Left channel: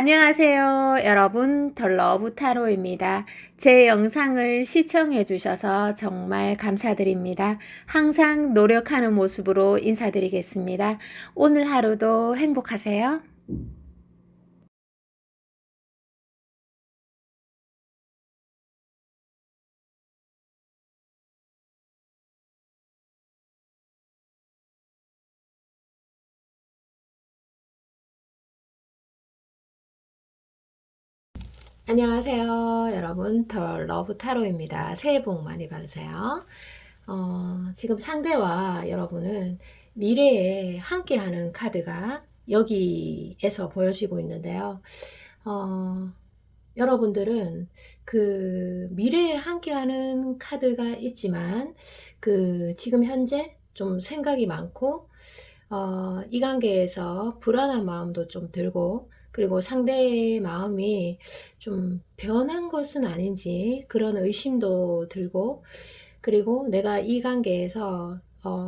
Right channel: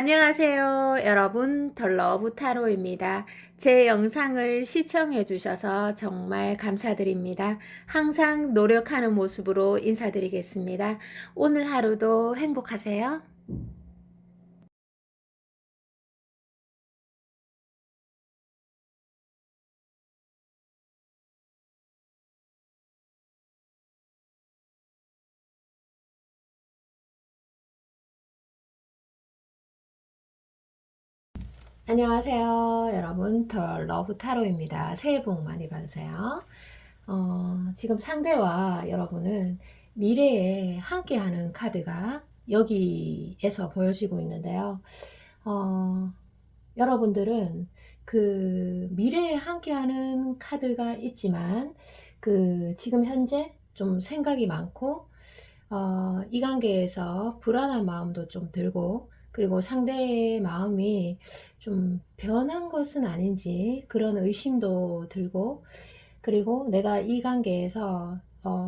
안녕하세요. 여러분, 덜러브 타로입니다. 제 영상을 시청해 주셔서 정말 감사드립니다. 항상 노력하는 모습으로 인사드리겠습니다. 오늘 하루도 행복하세요. 안녕하세요. 여러분, 덜러브 타로입니다. 새해 복 많이 받으세요. 지금 상대와 여러분은 미래에 함께하는 카드가 여기에서 보여지고 있는데요. 어, 여러분들은 그 미래에 함께하는 카드가 있지만 지금 현재 좀 생각이 많고 이 관계에서 불안한 마음도 좀 들고 그리고 상대의 마음이 좀 변한 것은 아닌지 그런 의심도 들고 그리고 내가 이 관계에서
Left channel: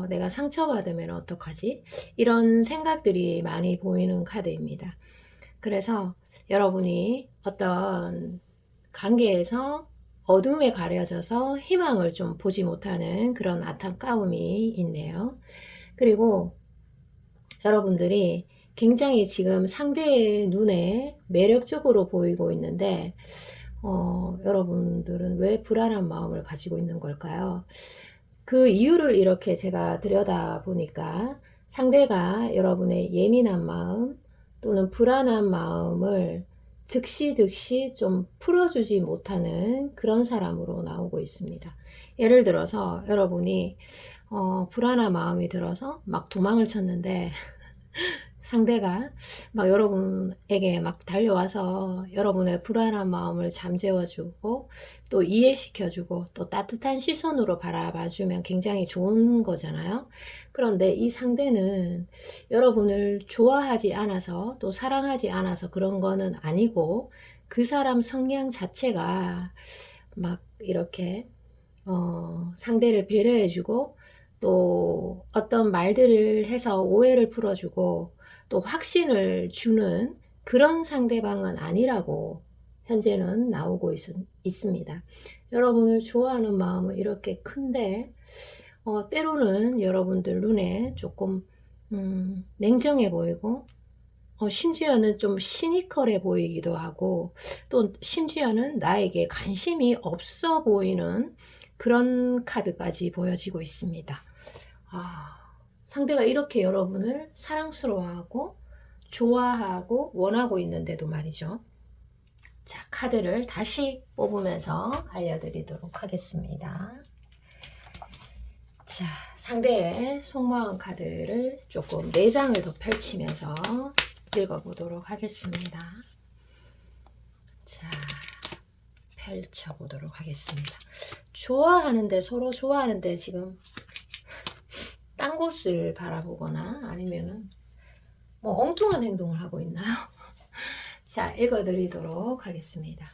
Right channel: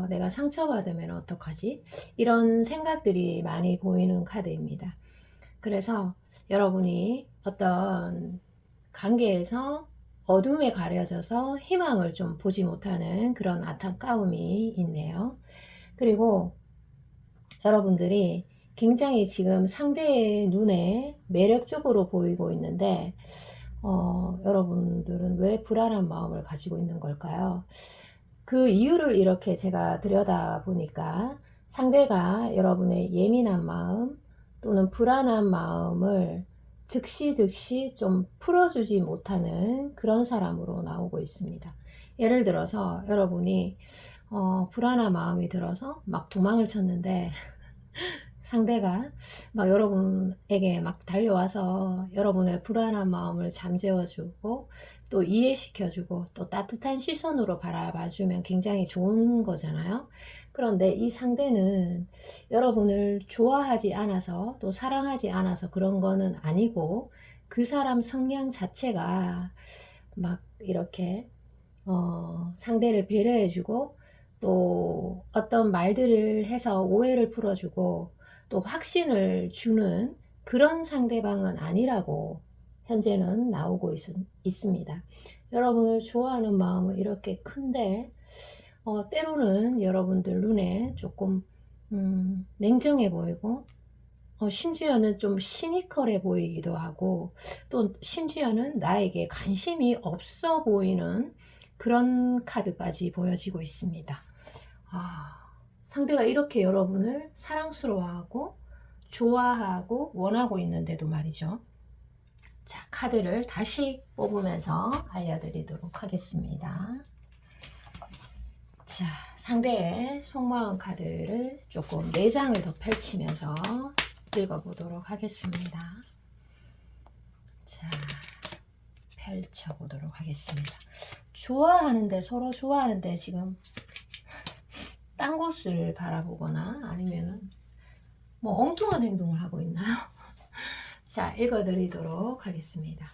내가 상처받으면 어떡하지? 이런 생각들이 많이 보이는 카드입니다. 그래서 여러분이 어떤 관계에서 어둠에 가려져서 희망을 좀 보지 못하는 그런 안타까움이 있네요. 그리고 여러분들이 굉장히 지금 상대의 눈에 매력적으로 보이고 있는데, 여러분들은 왜 불안한 마음을 가지고 있는 걸까요? 그 이유를 이렇게 제가 들여다 보니까 상대가 여러분의 예민한 마음 또는 불안한 마음을 즉시 좀 풀어주지 못하는 그런 사람으로 나오고 있습니다. 예를 들어서 여러분이 불안한 마음이 들어서 막 도망을 쳤는데 상대가 막 여러분에게 막 달려와서 여러분의 불안한 마음을 잠재워주고 또 이해시켜주고 또 따뜻한 시선으로 바라봐주면 굉장히 좋은 거잖아요. 그런데 이 상대는 여러분을 좋아하지 않아서 또 사랑하지 않아서 그런 거는 아니고 그 사람 성향 자체가 막 이렇게 상대를 배려해주고 또 어떤 말들을 해서 오해를 풀어주고 또 확신을 주는 그런 상대방은 아니라고 현재는 나오고 있습니다. 여러분을 좋아하는 마음은 이렇게 큰데 때로는 여러분들 눈에 조금 냉정해 보이고 심지어는 좀 시니컬해 보이기도 하고 또 심지어는 나에게 관심이 없어 보이는 그런 카드까지 보여지고 있습니다. 아, 상대가 이렇게 여러분을 사랑스러워하고 좋아하고 원하고 있는데도 말이죠. 자, 카드를 다시 뽑으면서 알려드리도록 하겠습니다. 자, 상대의 속마음 카드를 조금 4장을 더 펼치면서 읽어보도록 하겠습니다. 자, 펼쳐보도록 하겠습니다. 서로 좋아하는데 지금 딴 곳을 바라보거나 아니면 뭐 엉뚱한 행동을 하고 있나요? 자, 읽어드리도록 하겠습니다.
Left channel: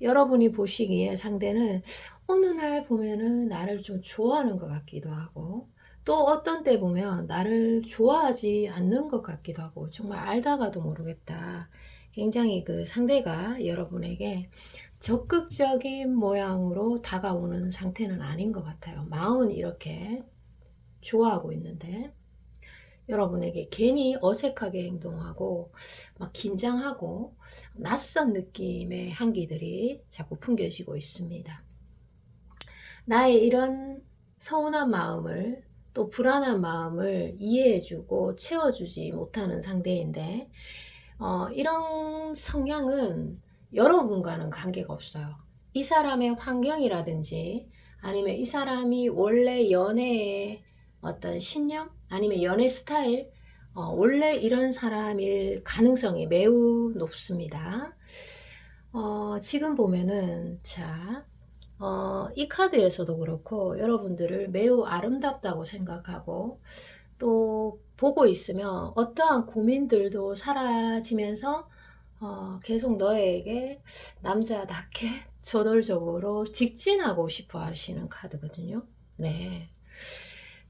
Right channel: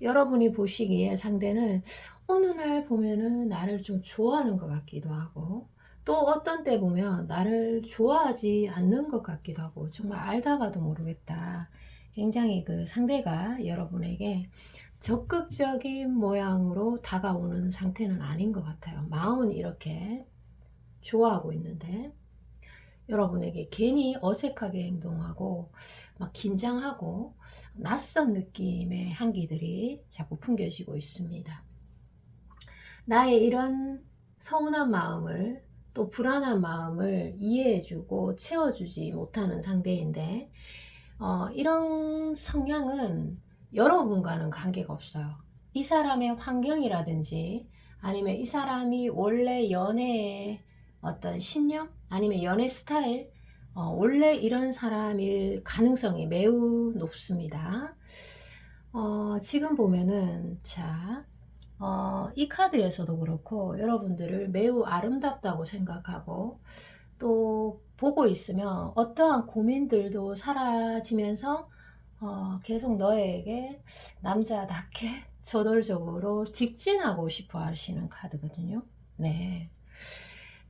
여러분이 보시기에 상대는 어느 날 보면은 나를 좀 좋아하는 것 같기도 하고 또 어떤 때 보면 나를 좋아하지 않는 것 같기도 하고 정말 알다가도 모르겠다. 굉장히 그 상대가 여러분에게 적극적인 모양으로 다가오는 상태는 아닌 것 같아요. 마음은 이렇게 좋아하고 있는데 여러분에게 괜히 어색하게 행동하고 막 긴장하고 낯선 느낌의 향기들이 자꾸 풍겨지고 있습니다. 나의 이런 서운한 마음을 또 불안한 마음을 이해해주고 채워주지 못하는 상대인데 이런 성향은 여러분과는 관계가 없어요. 이 사람의 환경이라든지 아니면 이 사람이 원래 연애의 어떤 신념 아니면 연애 스타일 원래 이런 사람일 가능성이 매우 높습니다. 지금 보면은 이 카드에서도 그렇고 여러분들을 매우 아름답다고 생각하고 또 보고 있으면 어떠한 고민들도 사라지면서 계속 너에게 남자답게 저돌적으로 직진하고 싶어 하시는 카드거든요. 네.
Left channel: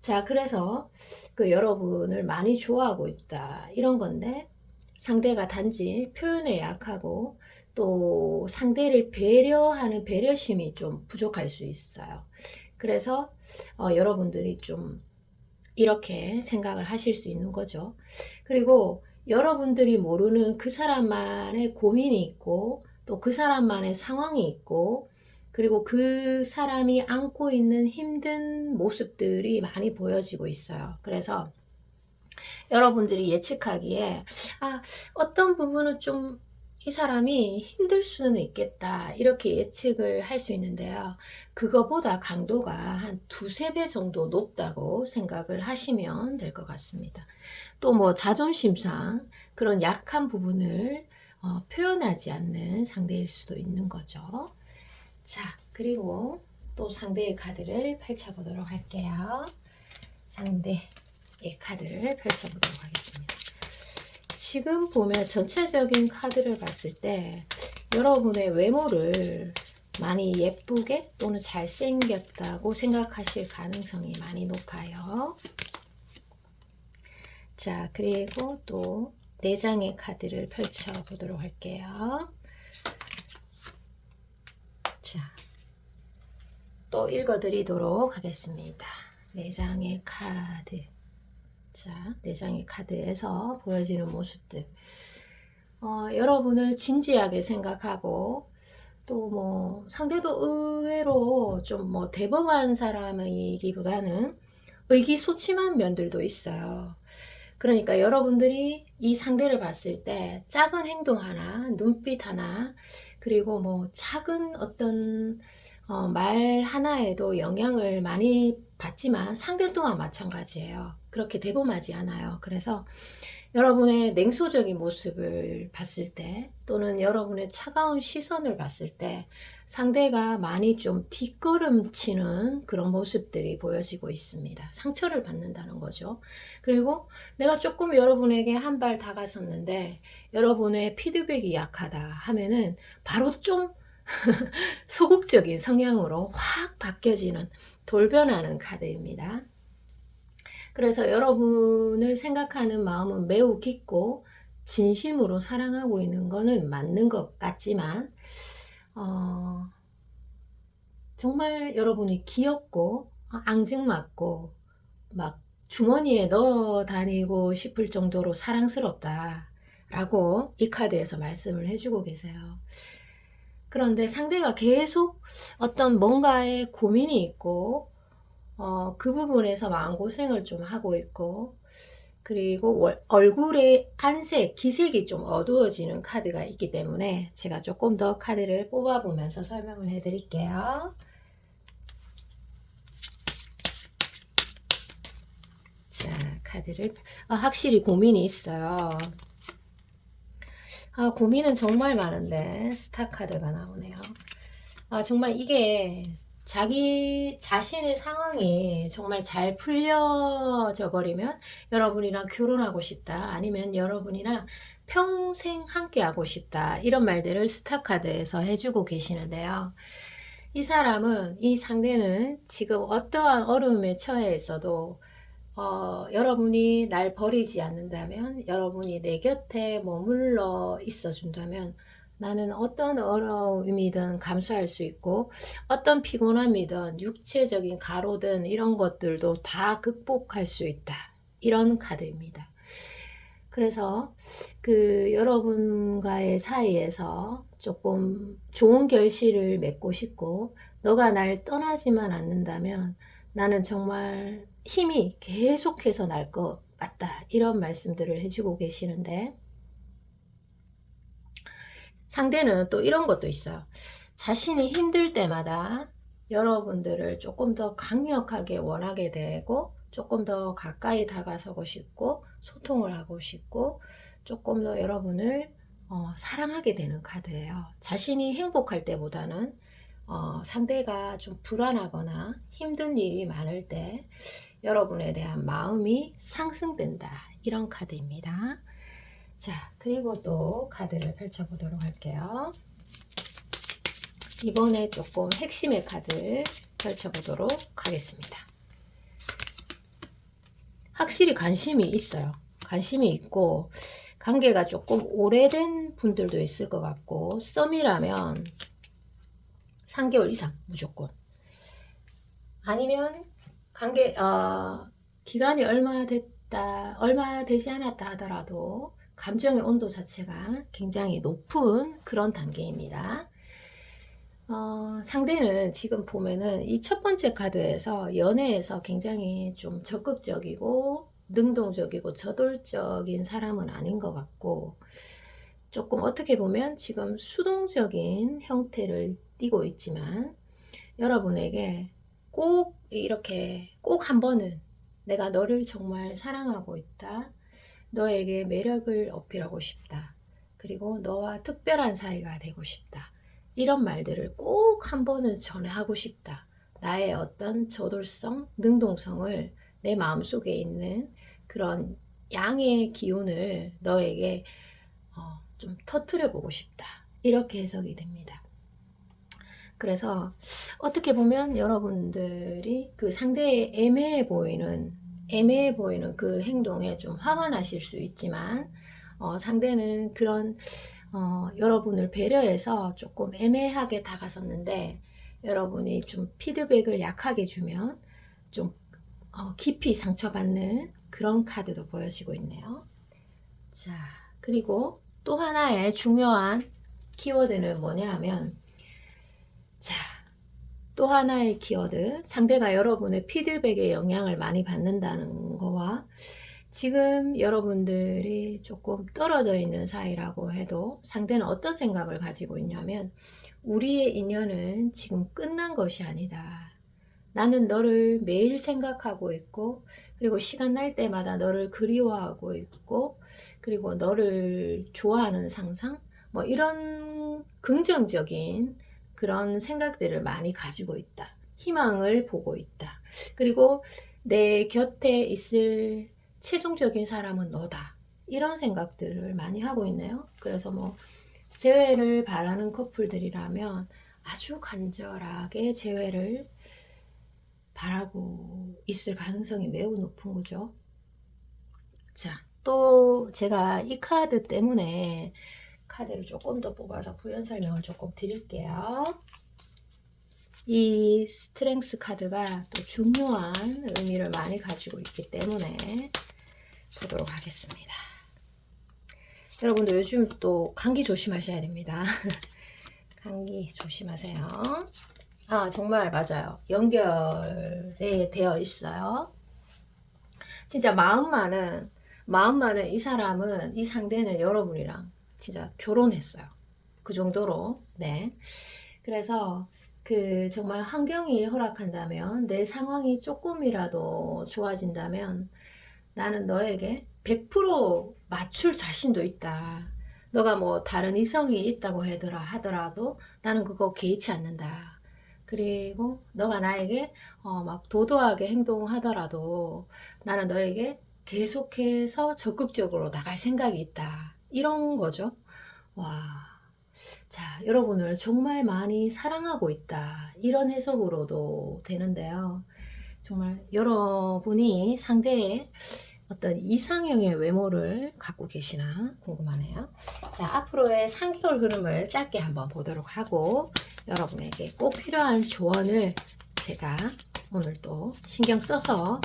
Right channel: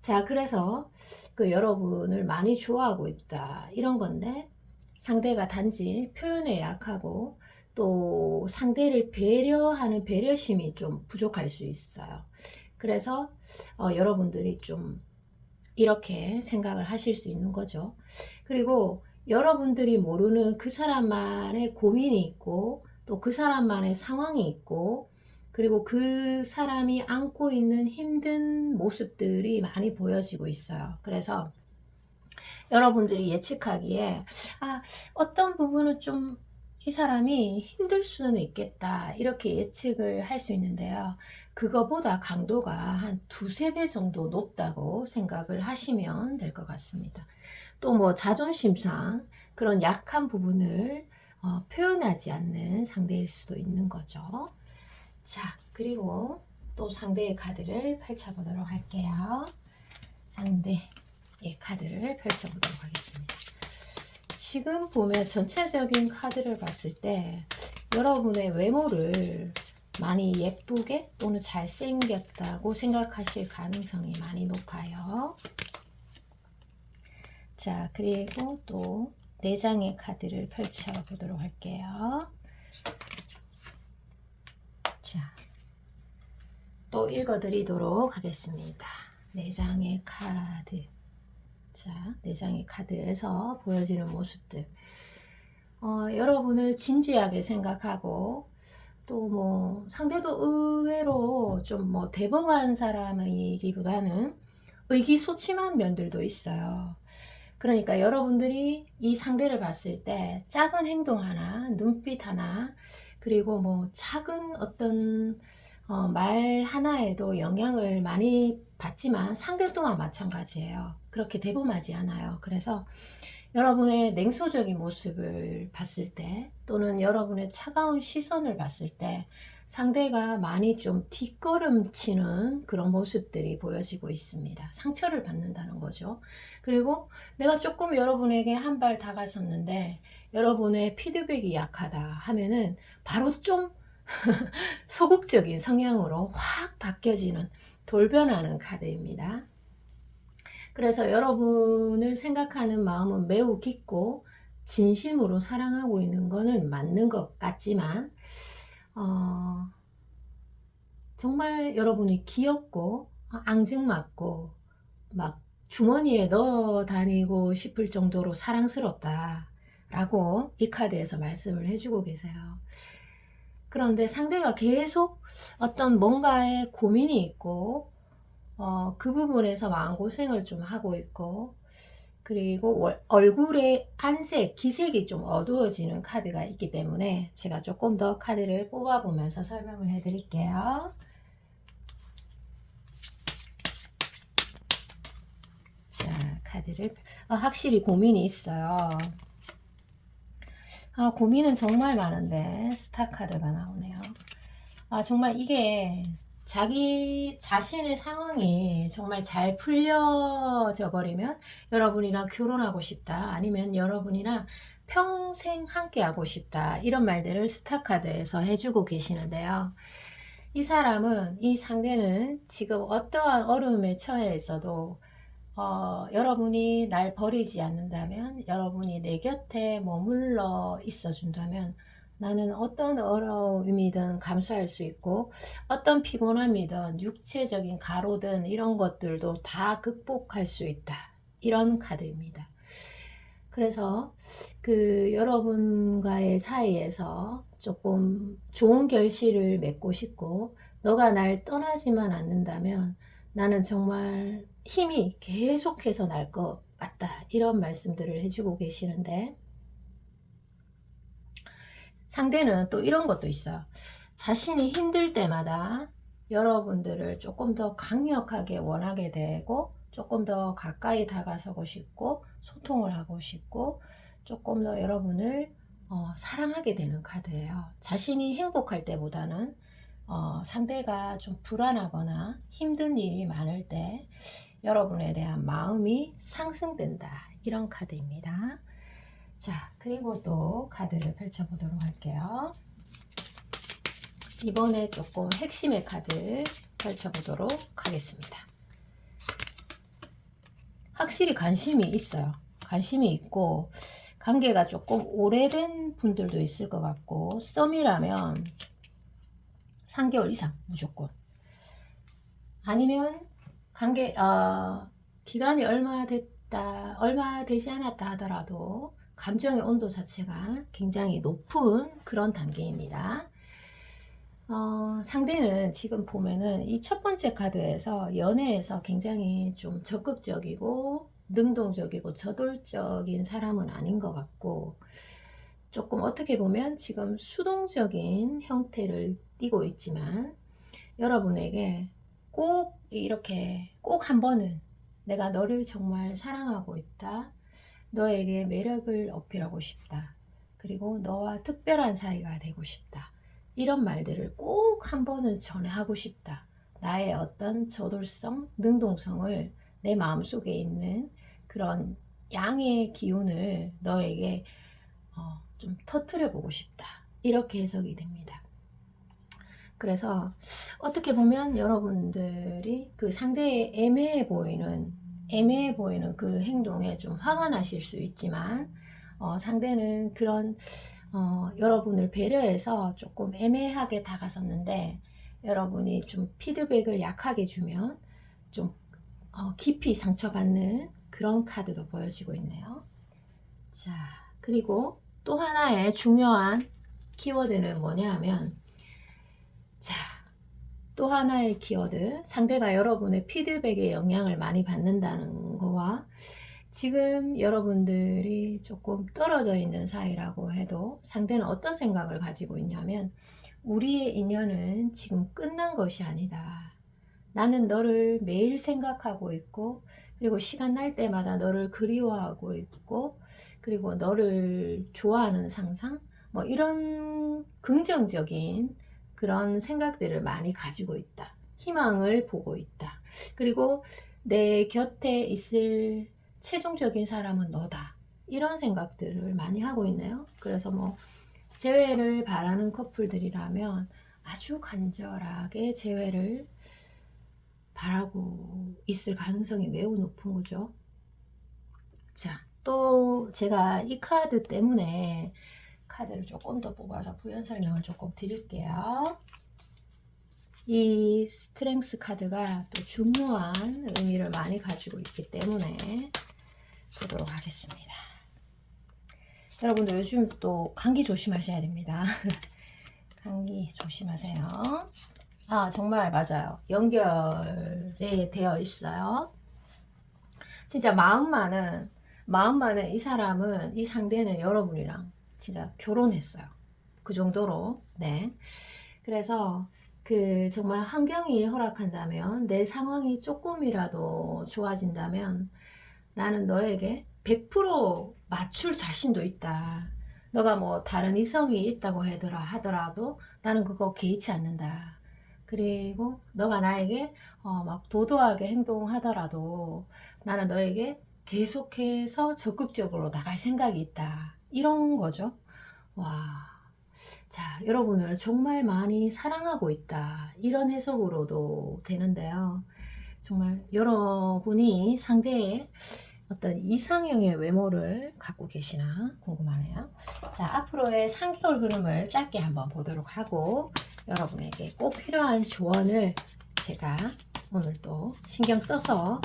자, 그래서 그 여러분을 많이 좋아하고 있다. 이런 건데, 상대가 단지 표현에 약하고 또 상대를 배려하는 배려심이 좀 부족할 수 있어요. 그래서 여러분들이 좀 이렇게 생각을 하실 수 있는 거죠. 그리고 여러분들이 모르는 그 사람만의 고민이 있고 또 그 사람만의 상황이 있고 그리고 그 사람이 안고 있는 힘든 모습들이 많이 보여지고 있어요. 그래서 여러분들이 예측하기에 어떤 부분은 좀 이 사람이 힘들 수는 있겠다 이렇게 예측을 할 수 있는데요. 그거보다 강도가 한 두세 배 정도 높다고 생각을 하시면 될 것 같습니다. 또 뭐 자존심상 그런 약한 부분을 표현하지 않는 상대일 수도 있는 거죠. 자, 그리고 또 상대의 카드를 펼쳐보도록 할게요. 상대의 카드를 펼쳐보도록 하겠습니다. 지금 보면 전체적인 카드를 봤을 때 여러분의 외모를 많이 예쁘게 또는 잘생겼다고 생각하실 가능성이 많이 높아요. 자, 그리고 또 4장의 카드를 펼쳐 보도록 할게요. 자, 또 읽어 드리도록 하겠습니다. 4장의 카드. 자, 4장의 카드에서 보여지는 모습들. 여러분을 진지하게 생각하고 또 뭐 상대도 의외로 좀 뭐 대범한 사람이기보다는 의기소침한 면들도 있어요. 그러니까 여러분들이 이 상대를 봤을 때 작은 행동 하나, 눈빛 하나, 그리고 뭐 작은 어떤 말 하나에도 영향을 많이 받지만 상대 또한 마찬가지예요. 그렇게 대범하지 않아요. 그래서 여러분의 냉소적인 모습을 봤을 때 또는 여러분의 차가운 시선을 봤을 때 상대가 많이 좀 뒷걸음치는 그런 모습들이 보여지고 있습니다. 상처를 받는다는 거죠. 그리고 내가 조금 여러분에게 한 발 다가섰는데 여러분의 피드백이 약하다 하면은 바로 좀 소극적인 성향으로 확 바뀌어지는 돌변하는 카드입니다. 그래서 여러분을 생각하는 마음은 매우 깊고 진심으로 사랑하고 있는 거는 맞는 것 같지만 정말 여러분이 귀엽고 앙증맞고 막 주머니에 넣어 다니고 싶을 정도로 사랑스럽다 라고 이 카드에서 말씀을 해주고 계세요. 그런데 상대가 계속 어떤 뭔가에 고민이 있고 그 부분에서 마음고생을 좀 하고 있고 그리고 얼굴의 안색, 기색이 좀 어두워지는 카드가 있기 때문에 제가 조금 더 카드를 뽑아보면서 설명을 해드릴게요. 자, 카드를 확실히 고민이 있어요. 고민은 정말 많은데 스타 카드가 나오네요. 정말 이게 자기 자신의 상황이 정말 잘 풀려져 버리면 여러분이랑 결혼하고 싶다 아니면 여러분이랑 평생 함께 하고 싶다 이런 말들을 스타 카드에서 해주고 계시는데요. 이 사람은 이 상대는 지금 어떠한 어려움에 처해 있어도 여러분이 날 버리지 않는다면 여러분이 내 곁에 머물러 있어 준다면 나는 어떤 어려움이든 감수할 수 있고 어떤 피곤함이든 육체적인 가로든 이런 것들도 다 극복할 수 있다. 이런 카드입니다. 그래서 그 여러분과의 사이에서 조금 좋은 결실을 맺고 싶고 너가 날 떠나지만 않는다면 나는 정말 힘이 계속해서 날 것 같다. 이런 말씀들을 해주고 계시는데 상대는 또 이런 것도 있어요. 자신이 힘들 때마다 여러분들을 조금 더 강력하게 원하게 되고 조금 더 가까이 다가서고 싶고 소통을 하고 싶고 조금 더 여러분을 사랑하게 되는 카드예요. 자신이 행복할 때보다는 상대가 좀 불안하거나 힘든 일이 많을 때 여러분에 대한 마음이 상승된다. 이런 카드입니다. 자, 그리고 또 카드를 펼쳐보도록 할게요. 이번에 조금 핵심의 카드 펼쳐보도록 하겠습니다. 확실히 관심이 있어요. 관심이 있고 관계가 조금 오래된 분들도 있을 것 같고, 썸이라면 3개월 이상 무조건. 아니면 관계 기간이 얼마 되지 않았다 하더라도 감정의 온도 자체가 굉장히 높은 그런 단계입니다. 상대는 지금 보면은 이 첫 번째 카드에서 연애에서 굉장히 좀 적극적이고 능동적이고 저돌적인 사람은 아닌 것 같고, 조금 어떻게 보면 지금 수동적인 형태를 띠고 있지만, 여러분에게 꼭 이렇게 꼭 한 번은 내가 너를 정말 사랑하고 있다. 너에게 매력을 어필하고 싶다. 그리고 너와 특별한 사이가 되고 싶다. 이런 말들을 꼭 한 번은 전하고 싶다. 나의 어떤 저돌성, 능동성을 내 마음속에 있는 그런 양의 기운을 너에게 좀 터트려 보고 싶다. 이렇게 해석이 됩니다. 그래서 어떻게 보면 여러분들이 그 상대의 애매해 보이는 그 행동에 좀 화가 나실 수 있지만, 상대는 그런 여러분을 배려해서 조금 애매하게 다가섰는데, 여러분이 좀 피드백을 약하게 주면 좀 깊이 상처받는 그런 카드도 보여지고 있네요. 자, 그리고 또 하나의 중요한 키워드는 뭐냐 하면, 자, 또 하나의 키워드, 상대가 여러분의 피드백에 영향을 많이 받는다는 거와, 지금 여러분들이 조금 떨어져 있는 사이라고 해도 상대는 어떤 생각을 가지고 있냐면, 우리의 인연은 지금 끝난 것이 아니다. 나는 너를 매일 생각하고 있고, 그리고 시간 날 때마다 너를 그리워하고 있고, 그리고 너를 좋아하는 상상, 뭐 이런 긍정적인 그런 생각들을 많이 가지고 있다. 희망을 보고 있다. 그리고 내 곁에 있을 최종적인 사람은 너다. 이런 생각들을 많이 하고 있네요. 그래서 뭐 재회를 바라는 커플들이라면 아주 간절하게 재회를 바라고 있을 가능성이 매우 높은 거죠. 자, 또 제가 이 카드 때문에 카드를 조금 더 뽑아서 부연 설명을 조금 드릴게요. 이 스트렝스 카드가 또 중요한 의미를 많이 가지고 있기 때문에 보도록 하겠습니다. 여러분들 요즘 또 감기 조심하셔야 됩니다. 감기 조심하세요. 정말 맞아요. 연결이 되어 있어요. 진짜 마음만은 이 사람은, 이 상대는 여러분이랑 진짜 결혼했어요. 그 정도로. 네. 그래서 그 정말 환경이 허락한다면, 내 상황이 조금이라도 좋아진다면 나는 너에게 100% 맞출 자신도 있다. 너가 뭐 다른 이성이 있다고 하더라도 나는 그거 개의치 않는다. 그리고 너가 나에게 막 도도하게 행동하더라도 나는 너에게 계속해서 적극적으로 나갈 생각이 있다. 이런 거죠. 와. 자, 여러분을 정말 많이 사랑하고 있다. 이런 해석으로도 되는데요. 정말 여러분이 상대의 어떤 이상형의 외모를 갖고 계시나 궁금하네요. 자, 앞으로의 3개월 흐름을 짧게 한번 보도록 하고, 여러분에게 꼭 필요한 조언을 제가 오늘 또 신경 써서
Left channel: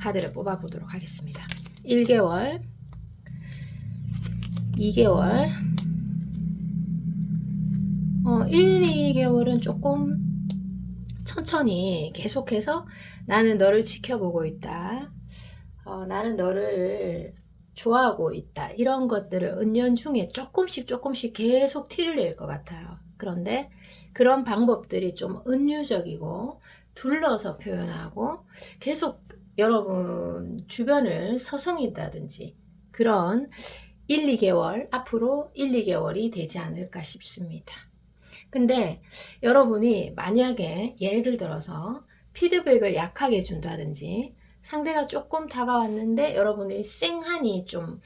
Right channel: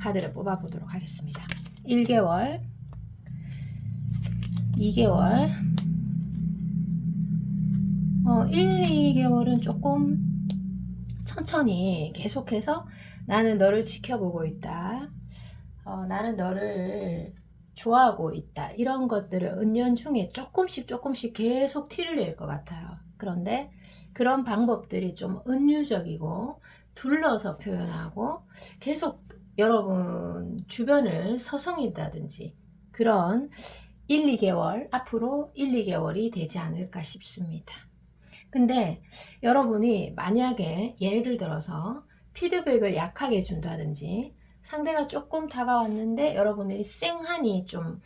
카드를 뽑아 보도록 하겠습니다. 1개월, 2개월, 1, 2개월은 조금 천천히 계속해서 나는 너를 지켜보고 있다. 나는 너를 좋아하고 있다. 이런 것들을 은연중에 조금씩 계속 티를 낼 것 같아요. 그런데 그런 방법들이 좀 은유적이고 둘러서 표현하고 계속 여러분 주변을 서성인다든지, 그런 1, 2개월, 앞으로 1, 2개월이 되지 않을까 싶습니다. 근데 여러분이 만약에 예를 들어서 피드백을 약하게 준다든지, 상대가 조금 다가왔는데 여러분이 쌩하니 좀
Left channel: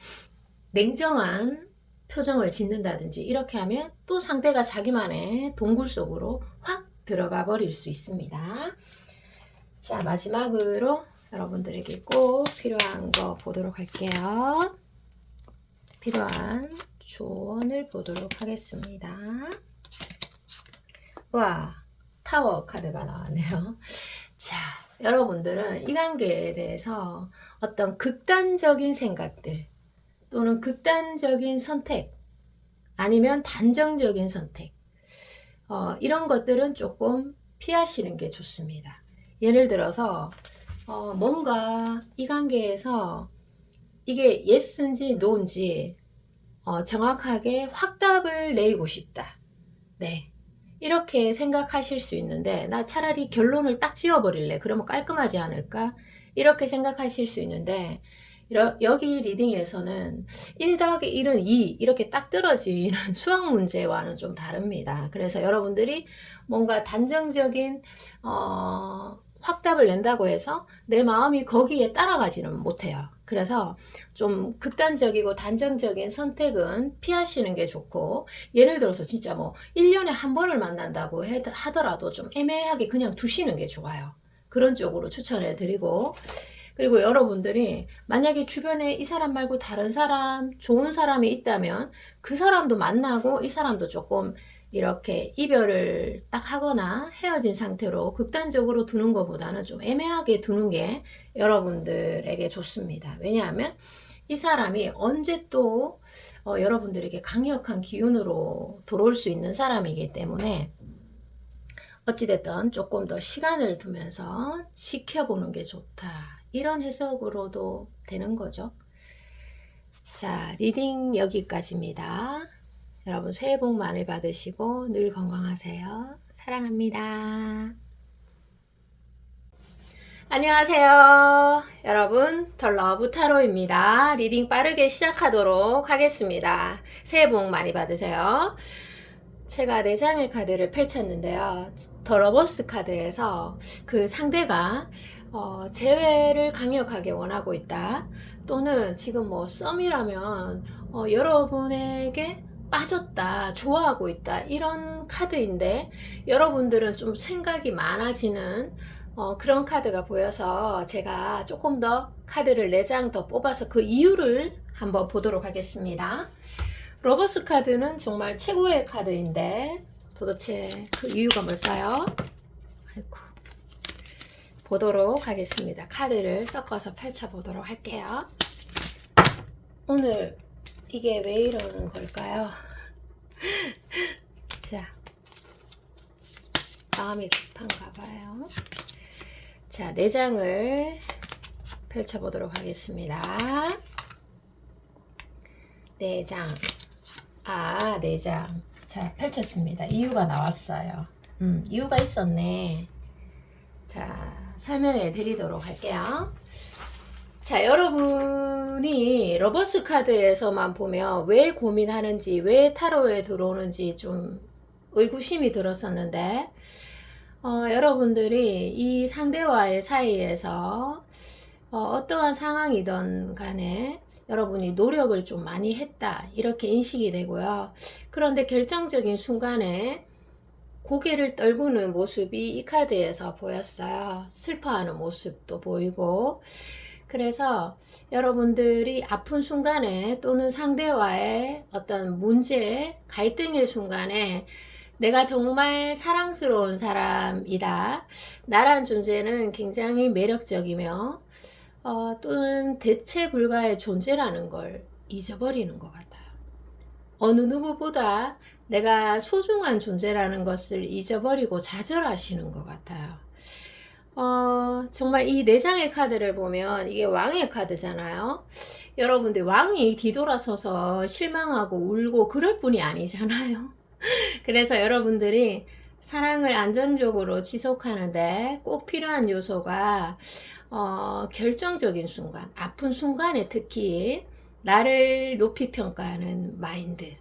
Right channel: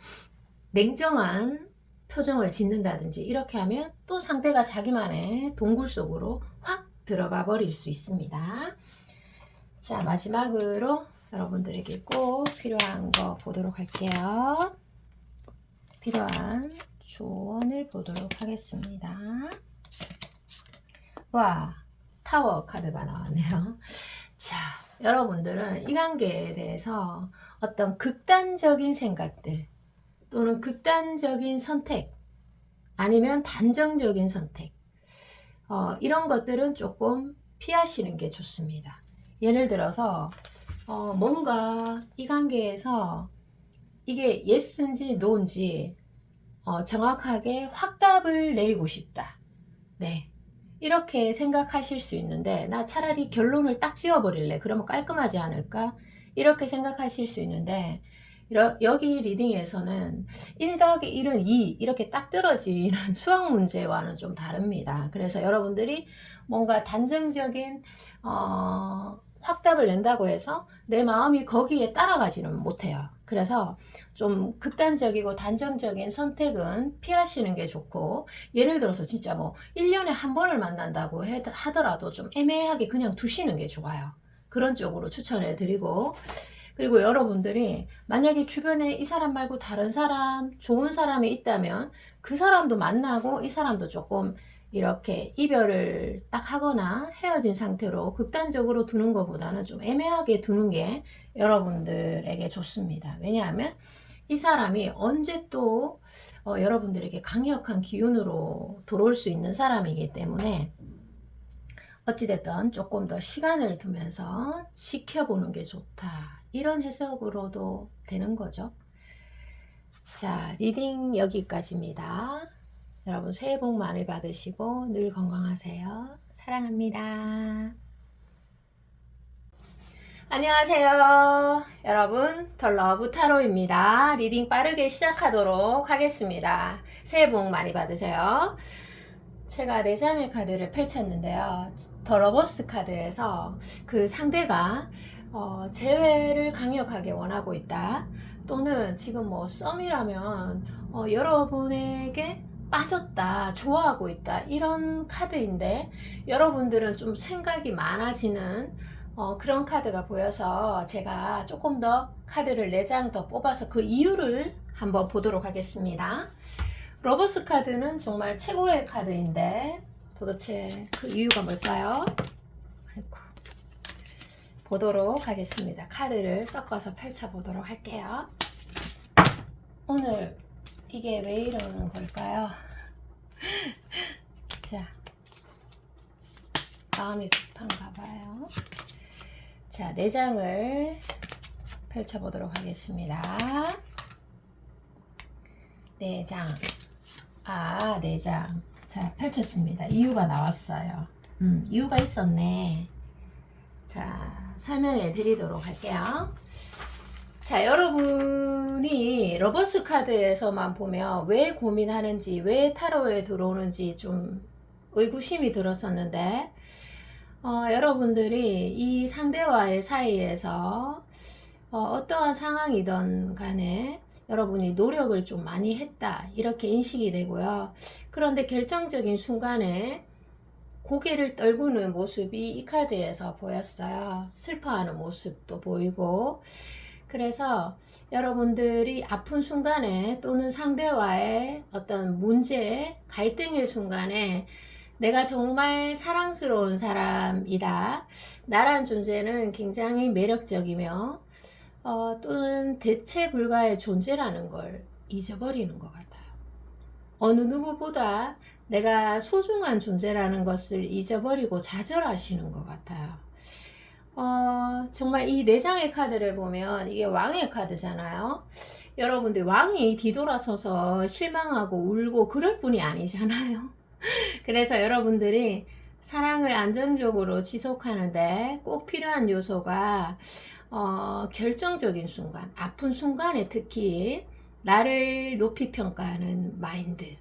냉정한 표정을 짓는다든지, 이렇게 하면 또 상대가 자기만의 동굴 속으로 확 들어가 버릴 수 있습니다. 자, 마지막으로 여러분들에게 꼭 필요한 거 보도록 할게요. 필요한 조언을 보도록 하겠습니다. 와, 타워 카드가 나왔네요. 자, 여러분들은 이 관계에 대해서 어떤 극단적인 생각들 또는 극단적인 선택 아니면 단정적인 선택 이런 것들은 조금 피하시는 게 좋습니다. 예를 들어서 뭔가 이 관계에서 이게 yes인지 no인지 정확하게 확답을 내리고 싶다. 네. 이렇게 생각하실 수 있는데 나 차라리 결론을 딱 지어버릴래. 그러면 깔끔하지 않을까? 이렇게 생각하실 수 있는데 여기 리딩에서는 1 더하기 1은 2 이렇게 딱 떨어지는 수학 문제와는 좀 다릅니다. 그래서 여러분들이 뭔가 단정적인 확답을 낸다고 해서 내 마음이 거기에 따라가지는 못해요. 그래서 좀 극단적이고 단정적인 선택은 피하시는 게 좋고, 예를 들어서 진짜 뭐 1년에 한 번을 만난다고 하더라도 좀 애매하게 그냥 두시는 게 좋아요. 그런 쪽으로 추천해 드리고, 그리고 여러분들이 만약에 주변에 이 사람 말고 다른 사람, 좋은 사람이 있다면 그 사람도 만나고 이 사람도 조금 이렇게 이별을 딱 하거나 헤어진 상태로 극단적으로 두는 것보다는 좀 애매하게 두는 게 여러분들에게 좋습니다. 왜냐하면 이 사람이 언제 또 여러분들에게 강력한 기운으로 들어올 수 있는 사람이기 때문에 어찌됐든 조금 더 시간을 두면서 지켜보는 게 좋다. 이런 해석으로도 되는 거죠. 자, 리딩 여기까지입니다. 여러분 새해 복 많이 받으시고 늘 건강하세요. 사랑합니다. 안녕하세요. 여러분, 더 러브 타로입니다. 리딩 빠르게 시작하도록 하겠습니다. 새해 복 많이 받으세요. 제가 4장의 카드를 펼쳤는데요. 더 러버스 카드에서 그 상대가 재회를 강력하게 원하고 있다. 또는 지금 뭐 썸이라면 여러분에게 빠졌다, 좋아하고 있다, 이런 카드인데 여러분들은 좀 생각이 많아지는 그런 카드가 보여서 제가 조금 더 카드를 4장 더 뽑아서 그 이유를 한번 보도록 하겠습니다. 러버스 카드는 정말 최고의 카드인데 도대체 그 이유가 뭘까요? 아이고. 보도록 하겠습니다. 카드를 섞어서 펼쳐보도록 할게요. 오늘 이게 왜 이러는 걸까요? 자, 마음이 급한가 봐요. 자, 4장을 펼쳐보도록 하겠습니다. 4장. 4장. 자, 펼쳤습니다. 이유가 나왔어요. 이유가 있었네. 자, 설명해 드리도록 할게요. 자, 여러분이 러버스 카드에서만 보면 왜 고민하는지, 왜 타로에 들어오는지 좀 의구심이 들었었는데, 여러분들이 이 상대와의 사이에서 어떠한 상황이든 간에 여러분이 노력을 좀 많이 했다, 이렇게 인식이 되고요. 그런데 결정적인 순간에 고개를 떨구는 모습이 이 카드에서 보였어요. 슬퍼하는 모습도 보이고, 그래서 여러분들이 아픈 순간에 또는 상대와의 어떤 문제, 갈등의 순간에 내가 정말 사랑스러운 사람이다, 나란 존재는 굉장히 매력적이며 또는 대체 불가의 존재라는 걸 잊어버리는 것 같아요. 어느 누구보다 내가 소중한 존재라는 것을 잊어버리고 좌절하시는 것 같아요. 정말 이 4장의 카드를 보면 이게 왕의 카드잖아요. 여러분들 왕이 뒤돌아서서 실망하고 울고 그럴 뿐이 아니잖아요. 그래서 여러분들이 사랑을 안정적으로 지속하는데 꼭 필요한 요소가 결정적인 순간, 아픈 순간에 특히 나를 높이 평가하는 마인드.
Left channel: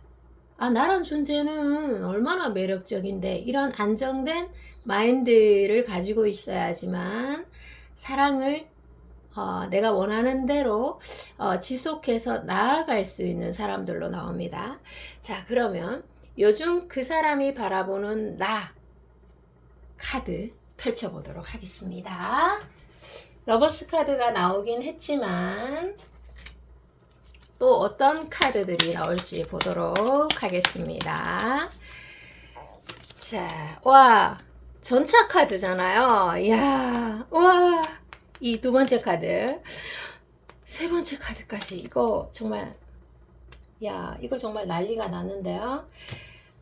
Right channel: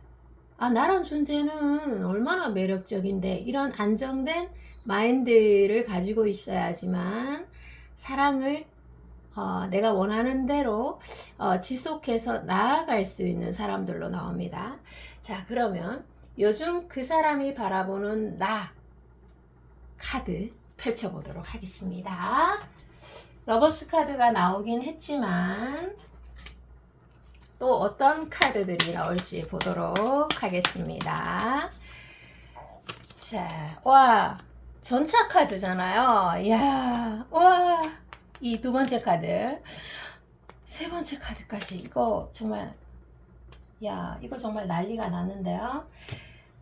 나란 존재는 얼마나 매력적인데, 이런 안정된 마인드를 가지고 있어야지만 사랑을 내가 원하는 대로 지속해서 나아갈 수 있는 사람들로 나옵니다. 자, 그러면 요즘 그 사람이 바라보는 나 카드 펼쳐보도록 하겠습니다. 러버스 카드가 나오긴 했지만 또 어떤 카드들이 나올지 보도록 하겠습니다. 자, 와, 전차 카드잖아요. 이야, 와, 이 두 번째 카드, 세 번째 카드까지 이거 정말, 야, 이거 정말 난리가 났는데요.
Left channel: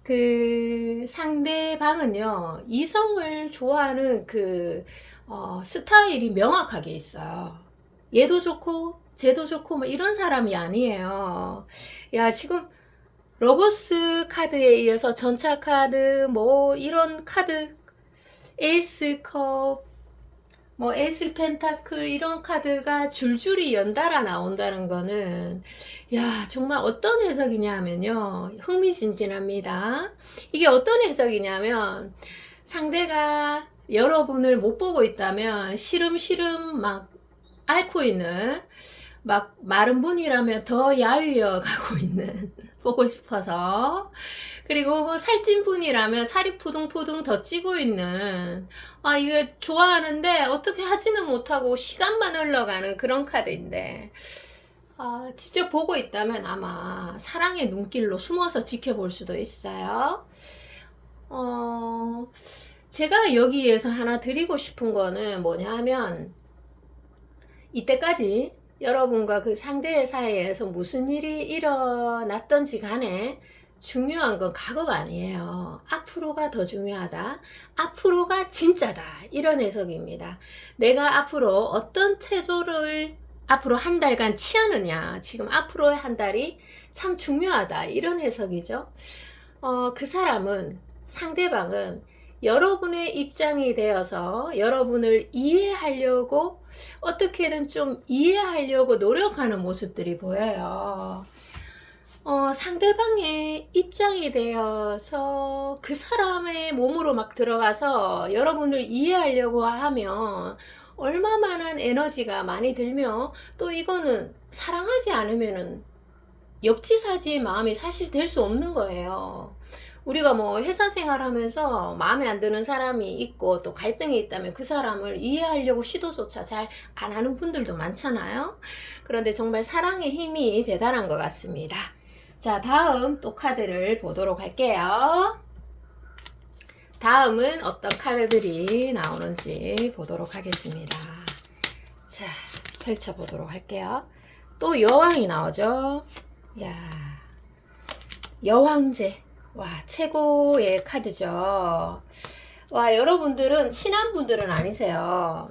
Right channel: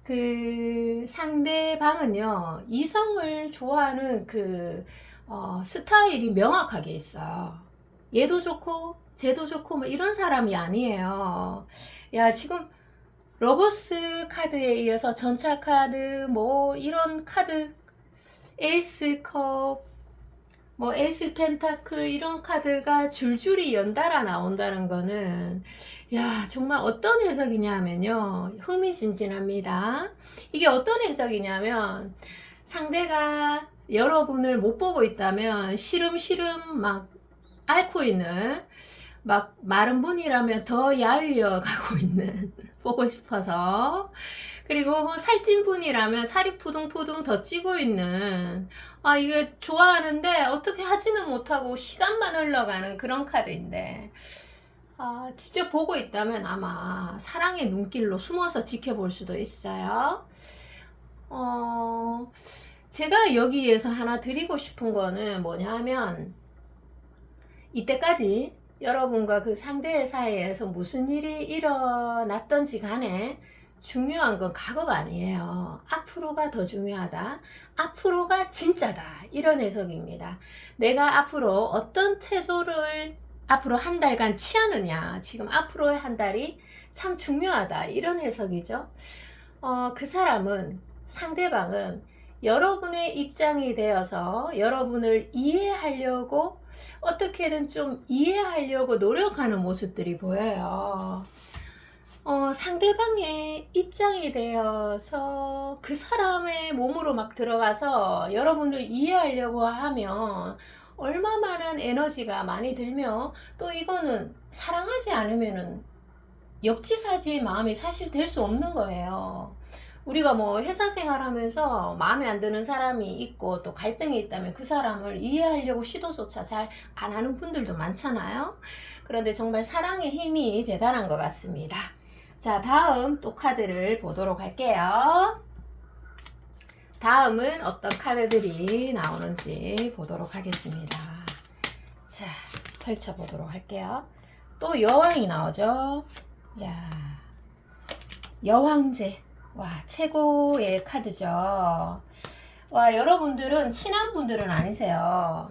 그 상대방은요, 이성을 좋아하는 그 스타일이 명확하게 있어요. 얘도 좋고 쟤도 좋고 뭐 이런 사람이 아니에요. 야, 지금 러버스 카드에 이어서 전차 카드 뭐 이런 카드, 에이스 컵, 뭐 에이스 펜타클 이런 카드가 줄줄이 연달아 나온다는 거는, 야, 정말 어떤 해석이냐면요, 흥미진진합니다. 이게 어떤 해석이냐면, 상대가 여러분을 못 보고 있다면 시름시름 막 앓고 있는, 막 마른 분이라면 더 야위어 가고 있는 보고 싶어서, 그리고 살찐 분이라면 살이 푸둥푸둥 더 찌고 있는, 아, 이게 좋아하는데 어떻게 하지는 못하고 시간만 흘러가는 그런 카드인데, 아, 직접 보고 있다면 아마 사랑의 눈길로 숨어서 지켜볼 수도 있어요. 제가 여기에서 하나 드리고 싶은 거는 뭐냐 하면, 이때까지 여러분과 그 상대 사이에서 무슨 일이 일어났던지 간에 중요한 건 과거가 아니에요. 앞으로가 더 중요하다. 앞으로가 진짜다. 이런 해석입니다. 내가 앞으로 어떤 태도를 앞으로 한 달간 취하느냐. 지금 앞으로의 한 달이 참 중요하다. 이런 해석이죠. 그 사람은, 상대방은 여러분의 입장이 되어서 여러분을 이해하려고, 어떻게든 좀 이해하려고 노력하는 모습들이 보여요. 상대방의 입장이 되어서 그 사람의 몸으로 막 들어가서 여러분을 이해하려고 하면 얼마만한 에너지가 많이 들며, 또 이거는 사랑하지 않으면은 역지사지의 마음이 사실 될 수 없는 거예요. 우리가 뭐 회사 생활하면서 마음에 안 드는 사람이 있고 또 갈등이 있다면 그 사람을 이해하려고 시도조차 잘 안 하는 분들도 많잖아요. 그런데 정말 사랑의 힘이 대단한 것 같습니다. 자, 다음 또 카드를 보도록 할게요. 다음은 어떤 카드들이 나오는지 보도록 하겠습니다. 자, 펼쳐보도록 할게요. 또 여왕이 나오죠. 야, 여왕제. 와, 최고의 카드죠. 와, 여러분들은 친한 분들은 아니세요.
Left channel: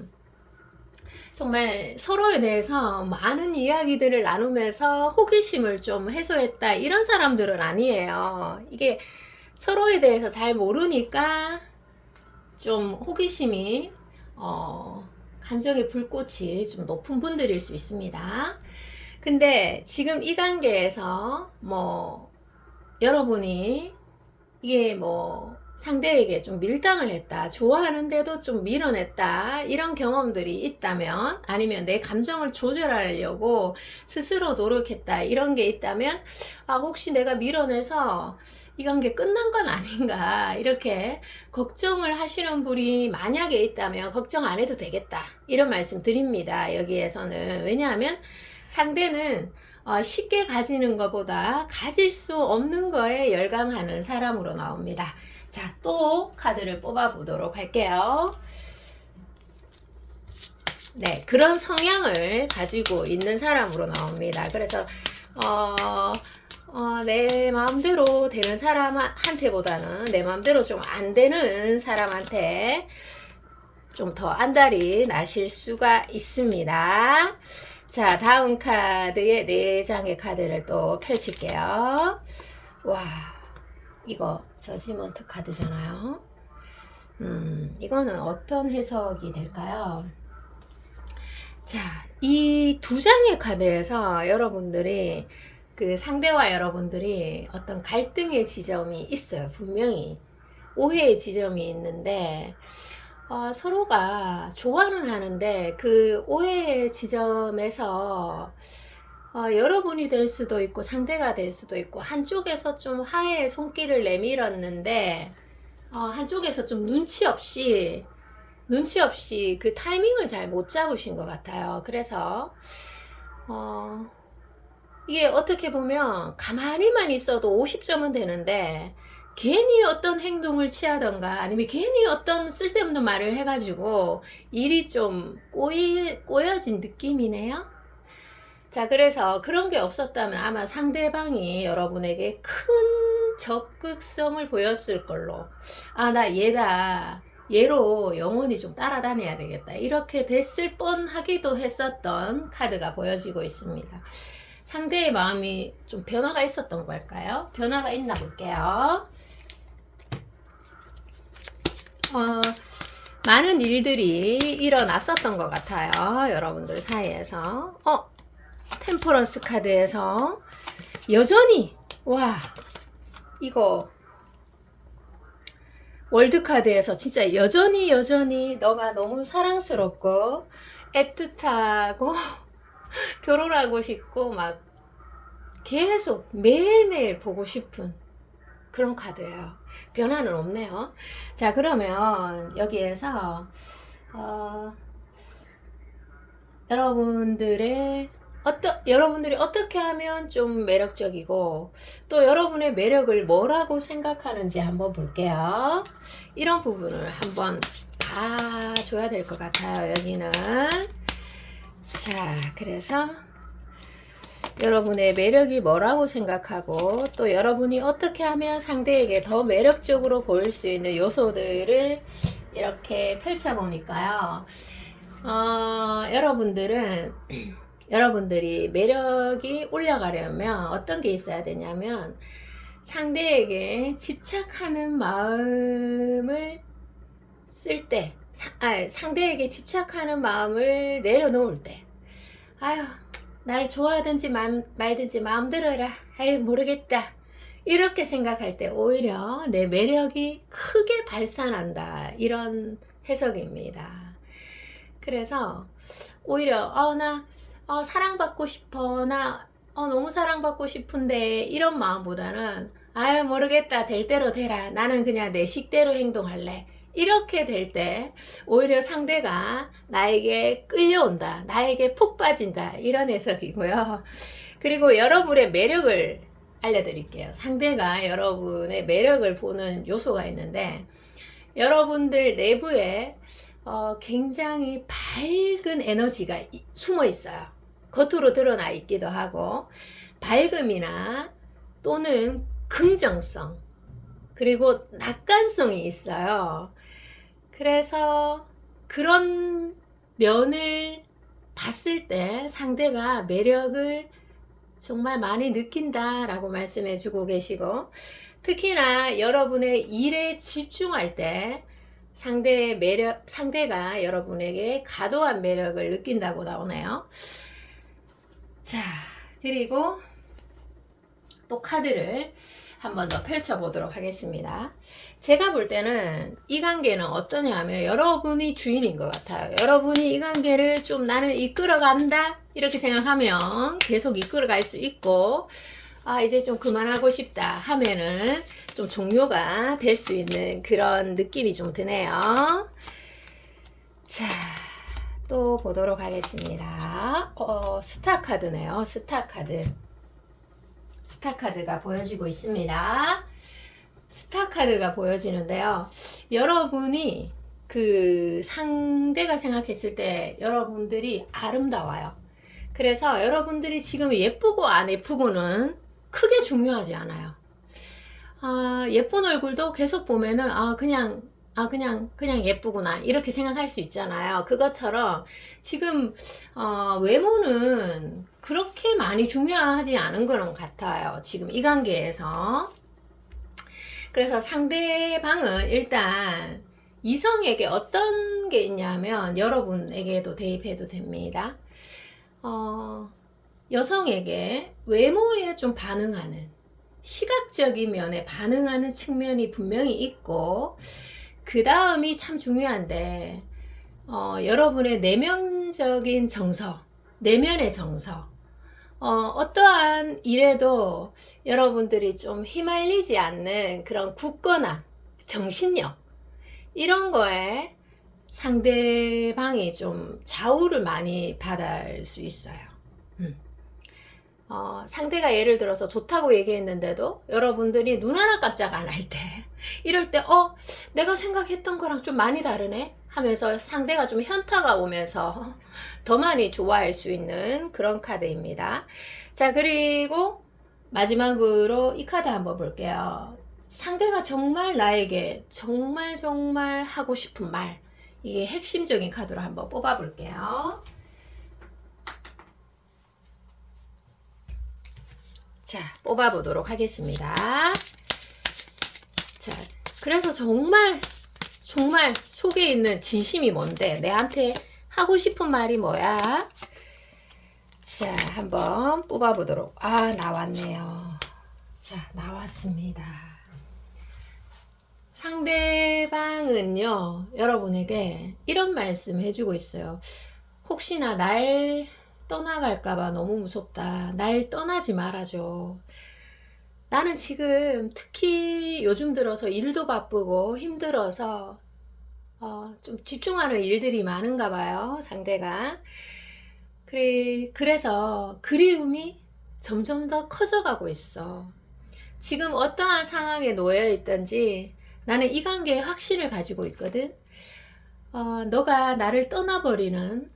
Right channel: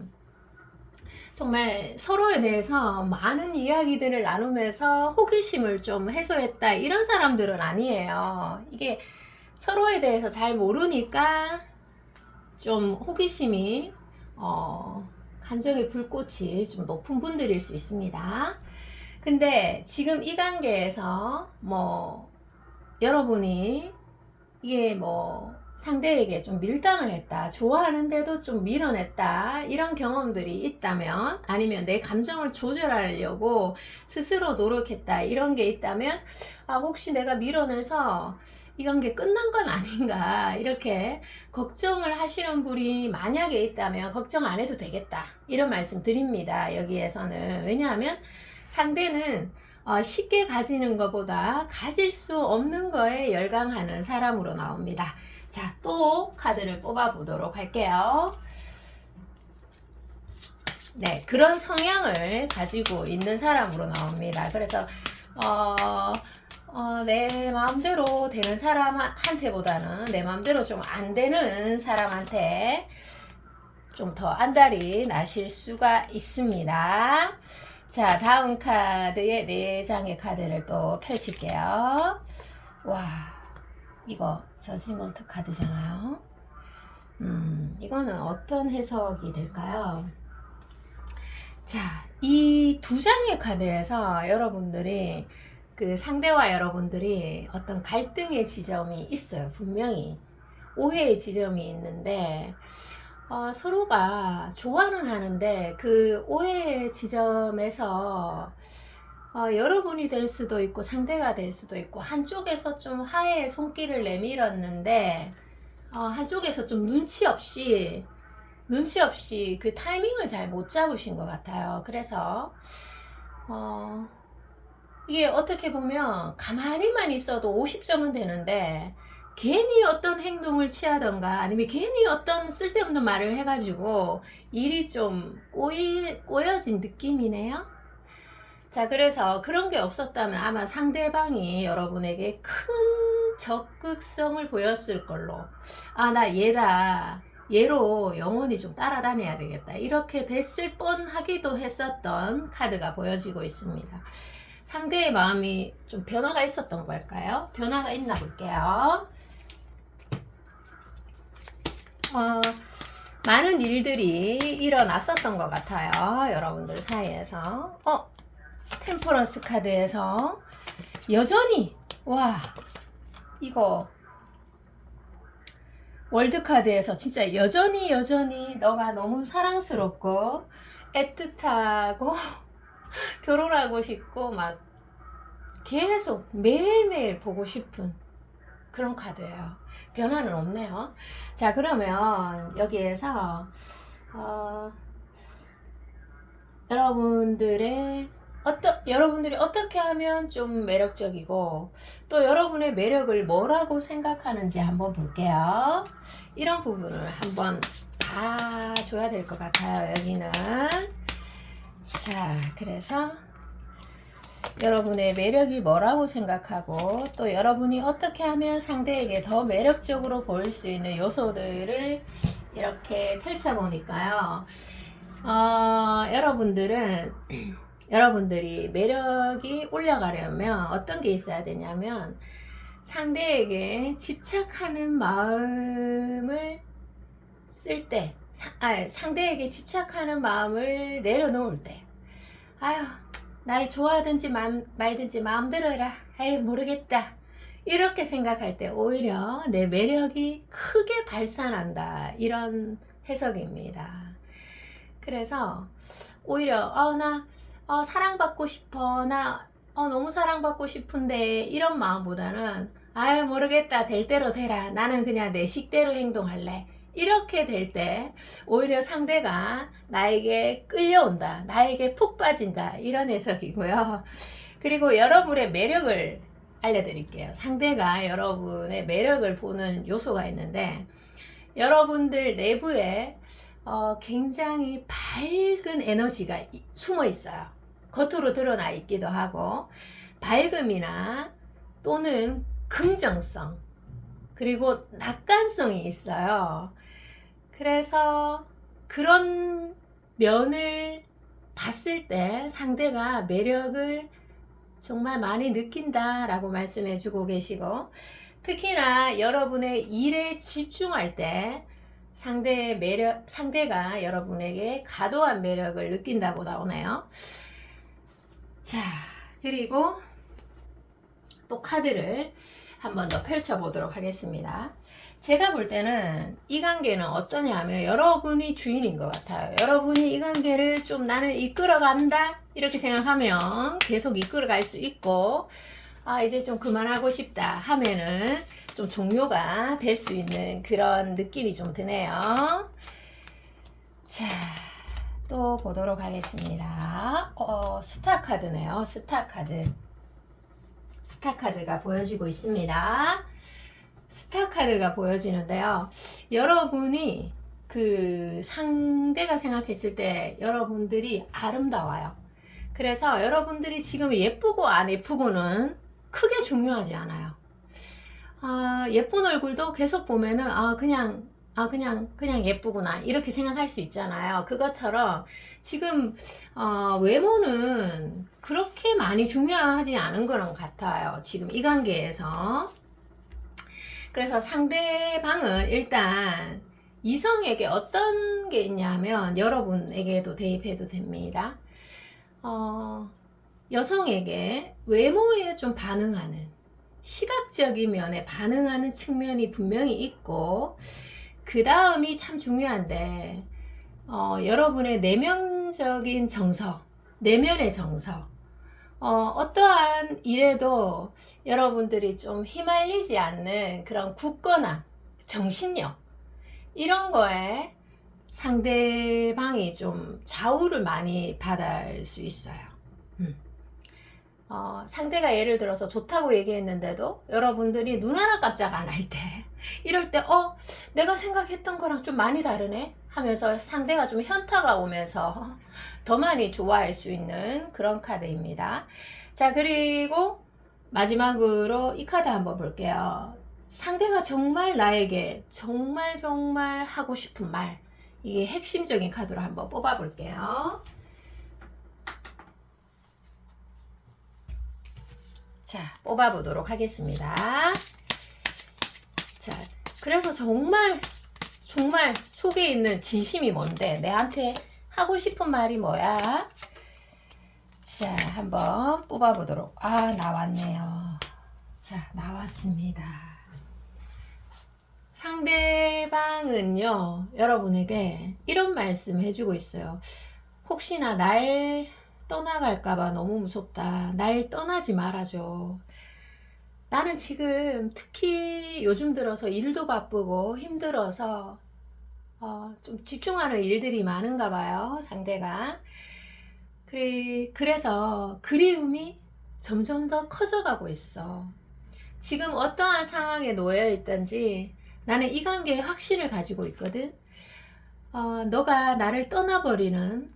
정말 서로에 대해서 많은 이야기들을 나누면서 호기심을 좀 해소했다, 이런 사람들은 아니에요. 이게 서로에 대해서 잘 모르니까 좀 호기심이, 감정의 불꽃이 좀 높은 분들일 수 있습니다. 근데 지금 이 단계에서 뭐 여러분이 이게 뭐 상대에게 좀 밀당을 했다, 좋아하는데도 좀 밀어냈다, 이런 경험들이 있다면, 아니면 내 감정을 조절하려고 스스로 노력했다, 이런 게 있다면, 아, 혹시 내가 밀어내서 이 관계 끝난 건 아닌가, 이렇게 걱정을 하시는 분이 만약에 있다면 걱정 안 해도 되겠다, 이런 말씀 드립니다. 여기에서는. 왜냐하면 상대는 쉽게 가지는 것보다 가질 수 없는 거에 열광하는 사람으로 나옵니다. 자, 또 카드를 뽑아 보도록 할게요. 네, 그런 성향을 가지고 있는 사람으로 나옵니다. 그래서 내 마음대로 되는 사람한테보다는 내 마음대로 좀 안 되는 사람한테 좀 더 안달이 나실 수가 있습니다. 자, 다음 카드에 4장의 카드를 또 펼칠게요. 와, 이거 저지먼트 카드잖아요. 이거는 어떤 해석이 될까요? 자, 이 2장의 카드에서 여러분들이, 그 상대와 여러분들이 어떤 갈등의 지점이 있어요. 분명히 오해의 지점이 있는데, 서로가 좋아는 하는데 그 오해의 지점에서 여러분이 될 수도 있고 상대가 될 수도 있고, 한쪽에서 좀 화해의 손길을 내밀었는데 한쪽에서 좀 눈치 없이 그 타이밍을 잘 못 잡으신 것 같아요. 그래서 이게 어떻게 보면 가만히만 있어도 50점은 되는데 괜히 어떤 행동을 취하던가 아니면 괜히 어떤 쓸데없는 말을 해가지고 일이 좀 꼬여진 느낌이네요. 자, 그래서 그런 게 없었다면 아마 상대방이 여러분에게 큰 적극성을 보였을 걸로. 아, 나 얘다. 얘로 영원히 좀 따라다녀야 되겠다. 이렇게 됐을 뻔하기도 했었던 카드가 보여지고 있습니다. 상대의 마음이 좀 변화가 있었던 걸까요? 변화가 있나 볼게요. 많은 일들이 일어났었던 것 같아요. 여러분들 사이에서. 템퍼런스 카드에서 여전히, 와, 이거 월드 카드에서 진짜 여전히 너가 너무 사랑스럽고 애틋하고 결혼하고 싶고 막 계속 매일매일 보고 싶은 그런 카드예요. 변화는 없네요. 자, 그러면 여기에서 여러분들이 어떻게 하면 좀 매력적이고 또 여러분의 매력을 뭐라고 생각하는지 한번 볼게요. 이런 부분을 한번 봐줘야 될 것 같아요. 여기는. 자, 그래서 여러분의 매력이 뭐라고 생각하고 또 여러분이 어떻게 하면 상대에게 더 매력적으로 보일 수 있는 요소들을 이렇게 펼쳐보니까요. 여러분들이 매력이 올라가려면 어떤 게 있어야 되냐면 상대에게 집착하는 마음을 쓸 때, 상대에게 집착하는 마음을 내려놓을 때, 아유, 나를 좋아하든지 말든지 마음대로 해라. 아유, 모르겠다. 이렇게 생각할 때 오히려 내 매력이 크게 발산한다. 이런 해석입니다. 그래서 오히려 나 사랑받고 싶어. 나 너무 사랑받고 싶은데 이런 마음보다는 아유, 모르겠다. 될 대로 되라. 나는 그냥 내 식대로 행동할래. 이렇게 될 때 오히려 상대가 나에게 끌려온다. 나에게 푹 빠진다. 이런 해석이고요. 그리고 여러분의 매력을 알려드릴게요. 상대가 여러분의 매력을 보는 요소가 있는데 여러분들 내부에 굉장히 밝은 에너지가 숨어 있어요. 겉으로 드러나 있기도 하고 밝음이나 또는 긍정성 그리고 낙관성이 있어요. 그래서 그런 면을 봤을 때 상대가 매력을 정말 많이 느낀다라고 말씀해 주고 계시고 특히나 여러분의 일에 집중할 때 상대가 여러분에게 과도한 매력을 느낀다고 나오네요. 자, 그리고 또 카드를 한 번 더 펼쳐보도록 하겠습니다. 제가 볼 때는 이 관계는 어떠냐 하면 여러분이 주인인 것 같아요. 여러분이 이 관계를 좀 나는 이끌어간다 이렇게 생각하면 계속 이끌어갈 수 있고 이제 좀 그만하고 싶다 하면은 좀 종료가 될 수 있는 그런 느낌이 좀 드네요. 자, 또 보도록 하겠습니다. 스타 카드네요. 스타 카드가 보여지고 있습니다. 스타 카드가 보여지는데요. 여러분이 그 상대가 생각했을 때 여러분들이 아름다워요. 그래서 여러분들이 지금 예쁘고 안 예쁘고는 크게 중요하지 않아요. 예쁜 얼굴도 계속 보면은 그냥 예쁘구나 이렇게 생각할 수 있잖아요. 그것처럼 지금 외모는 그렇게 많이 중요하지 않은 것 같아요. 지금 이 관계에서. 그래서 상대방은 일단 이성에게 어떤 게 있냐면 여러분에게도 대입해도 됩니다. 여성에게 외모에 좀 반응하는 시각적인 면에 반응하는 측면이 분명히 있고 그 다음이 참 중요한데 여러분의 내면적인 정서, 내면의 정서 어떠한 일에도 여러분들이 좀 휘말리지 않는 그런 굳건한 정신력 이런 거에 상대방이 좀 좌우를 많이 받을 수 있어요. 상대가 예를 들어서 좋다고 얘기했는데도 여러분들이 눈 하나 깜짝 안 할 때, 이럴 때, 내가 생각했던 거랑 좀 많이 다르네? 하면서 상대가 좀 현타가 오면서 더 많이 좋아할 수 있는 그런 카드입니다. 자, 그리고 마지막으로 이 카드 한번 볼게요. 상대가 정말 나에게 정말 정말 하고 싶은 말, 이게 핵심적인 카드로 한번 뽑아 볼게요. 자, 뽑아 보도록 하겠습니다. 자, 그래서 정말 속에 있는 진심이 뭔데, 내한테 하고 싶은 말이 뭐야? 자, 한번 뽑아 보도록. 나왔네요. 자, 나왔습니다. 상대방은요, 여러분에게 이런 말씀 해주고 있어요. 혹시나 날 떠나갈까봐 너무 무섭다. 날 떠나지 말아줘. 나는 지금 특히 요즘 들어서 일도 바쁘고 힘들어서 좀 집중하는 일들이 많은가 봐요, 상대가. 그래서 그리움이 점점 더 커져가고 있어. 지금 어떠한 상황에 놓여 있든지 나는 이 관계에 확신을 가지고 있거든. 너가 나를 가버리는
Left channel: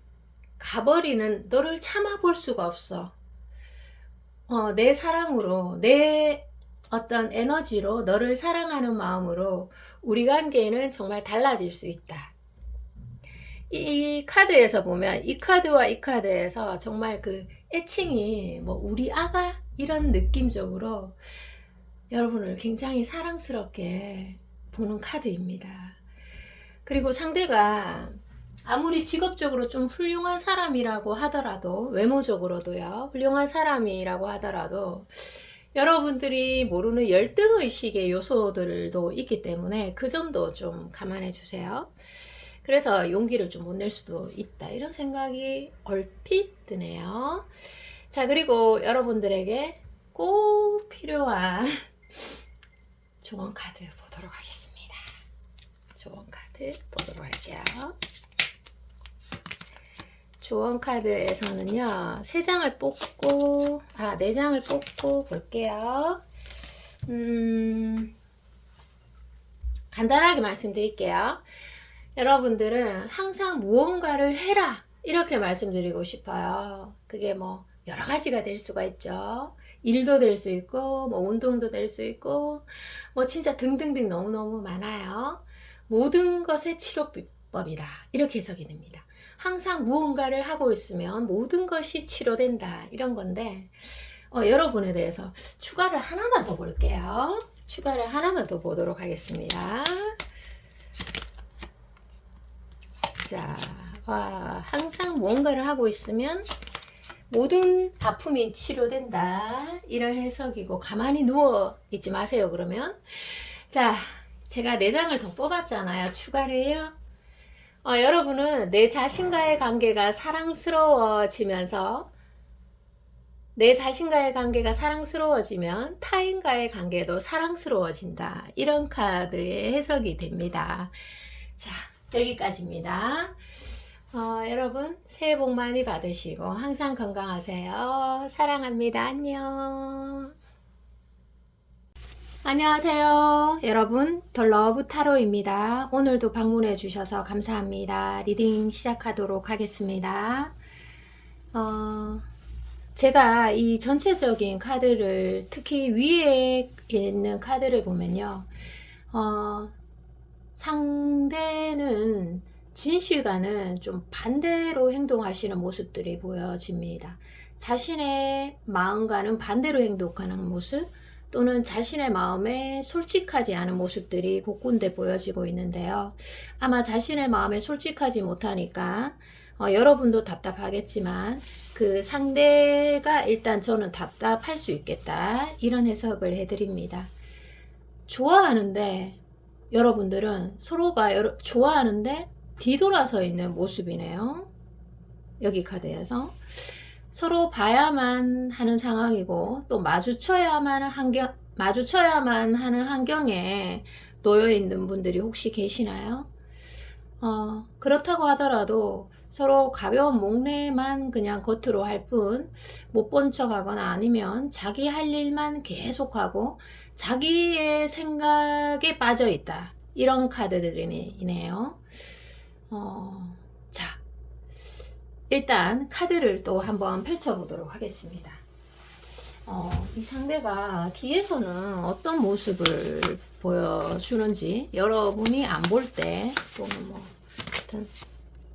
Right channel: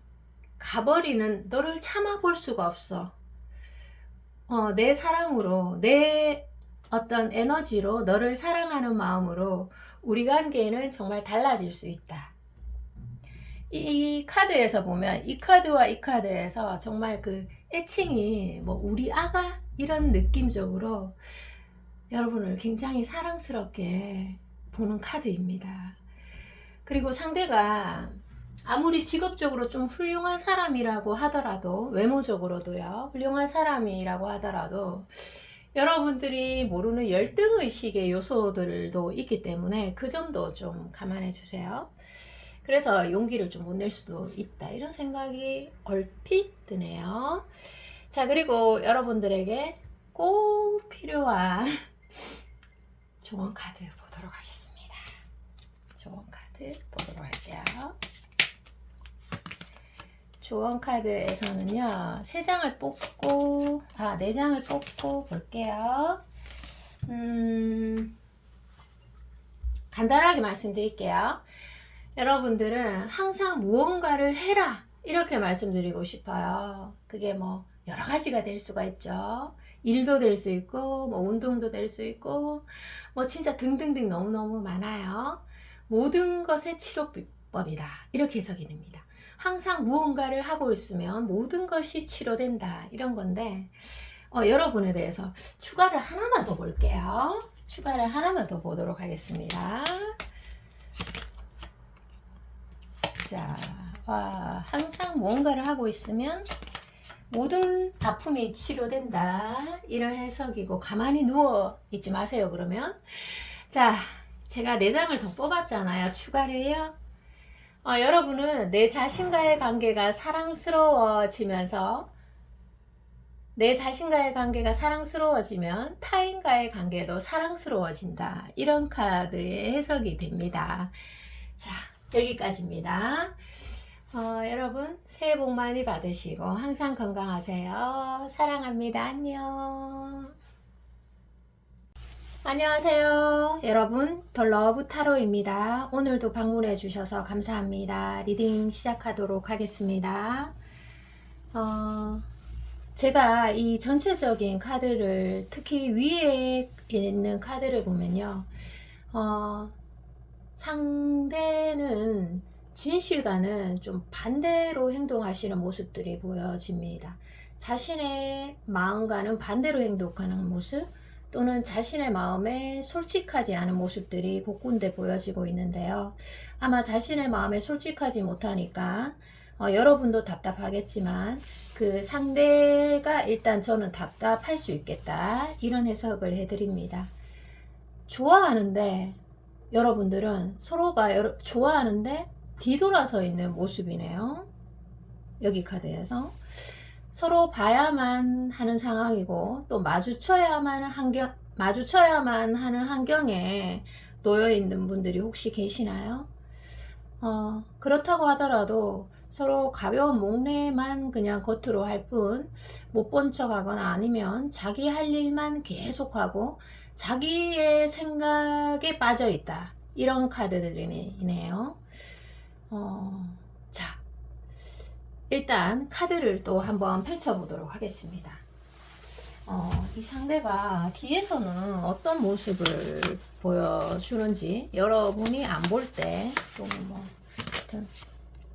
너를 참아볼 수가 없어. 내 사랑으로, 내 어떤 에너지로, 너를 사랑하는 마음으로 우리 관계는 정말 달라질 수 있다. 이 카드에서 보면 이 카드와 이 카드에서 정말 그 애칭이 뭐 우리 아가 이런 느낌적으로 여러분을 굉장히 사랑스럽게 보는 카드입니다. 그리고 상대가 아무리 직업적으로 좀 훌륭한 사람이라고 하더라도, 외모적으로도요, 훌륭한 사람이라고 하더라도 여러분들이 모르는 열등의식의 요소들도 있기 때문에 그 점도 좀 감안해 주세요. 그래서 용기를 좀 못 낼 수도 있다, 이런 생각이 얼핏 드네요. 자, 그리고 여러분들에게 꼭 필요한 조언 카드 보도록 하겠습니다. 조언 카드 보도록 할게요. 조언 카드에서는요, 3장을 뽑고, 4장을 뽑고 볼게요. 간단하게 말씀드릴게요. 여러분들은 항상 무언가를 해라, 이렇게 말씀드리고 싶어요. 그게 뭐 여러 가지가 될 수가 있죠. 일도 될 수 있고, 뭐 운동도 될 수 있고, 뭐 진짜 등등등 너무너무 많아요. 모든 것의 치료법이다, 이렇게 해석이 됩니다. 항상 무언가를 하고 있으면 모든 것이 치료된다, 이런 건데, 여러분에 대해서 추가를 하나만 더 볼게요. 추가를 하나만 더 보도록 하겠습니다. 자, 항상 무언가를 하고 있으면 모든 아픔이 치료된다, 이런 해석이고, 가만히 누워 있지 마세요, 그러면. 자, 제가 4장을 더 뽑았잖아요, 추가를요. 여러분은 내 자신과의 관계가 사랑스러워지면서, 내 자신과의 관계가 사랑스러워지면 타인과의 관계도 사랑스러워진다, 이런 카드의 해석이 됩니다. 자, 여기까지입니다. 여러분 새해 복 많이 받으시고 항상 건강하세요. 사랑합니다. 안녕. 안녕하세요. 여러분, 더 러브 타로입니다. 오늘도 방문해 주셔서 감사합니다. 리딩 시작하도록 하겠습니다. 제가 이 전체적인 카드를, 특히 위에 있는 카드를 보면요, 상대는 진실과는 좀 반대로 행동하시는 모습들이 보여집니다. 자신의 마음과는 반대로 행동하는 모습, 또는 자신의 마음에 솔직하지 않은 모습들이 곳곳에 보여지고 있는데요. 아마 자신의 마음에 솔직하지 못하니까 여러분도 답답하겠지만 그 상대가 일단 저는 답답할 수 있겠다, 이런 해석을 해드립니다. 좋아하는데, 여러분들은 서로가 좋아하는데 뒤돌아서 있는 모습이네요. 여기 카드에서 서로 봐야만 하는 상황이고, 또 마주쳐야만 하는 환경에 놓여 있는 분들이 혹시 계시나요? 그렇다고 하더라도 서로 가벼운 목례만 그냥 겉으로 할 뿐 못 본 척하거나 아니면 자기 할 일만 계속하고 자기의 생각에 빠져 있다. 이런 카드들이네요. 자, 일단 카드를 또 한번 펼쳐보도록 하겠습니다. 이 상대가 뒤에서는 어떤 모습을 보여주는지 여러분이 안 볼 때 또는 뭐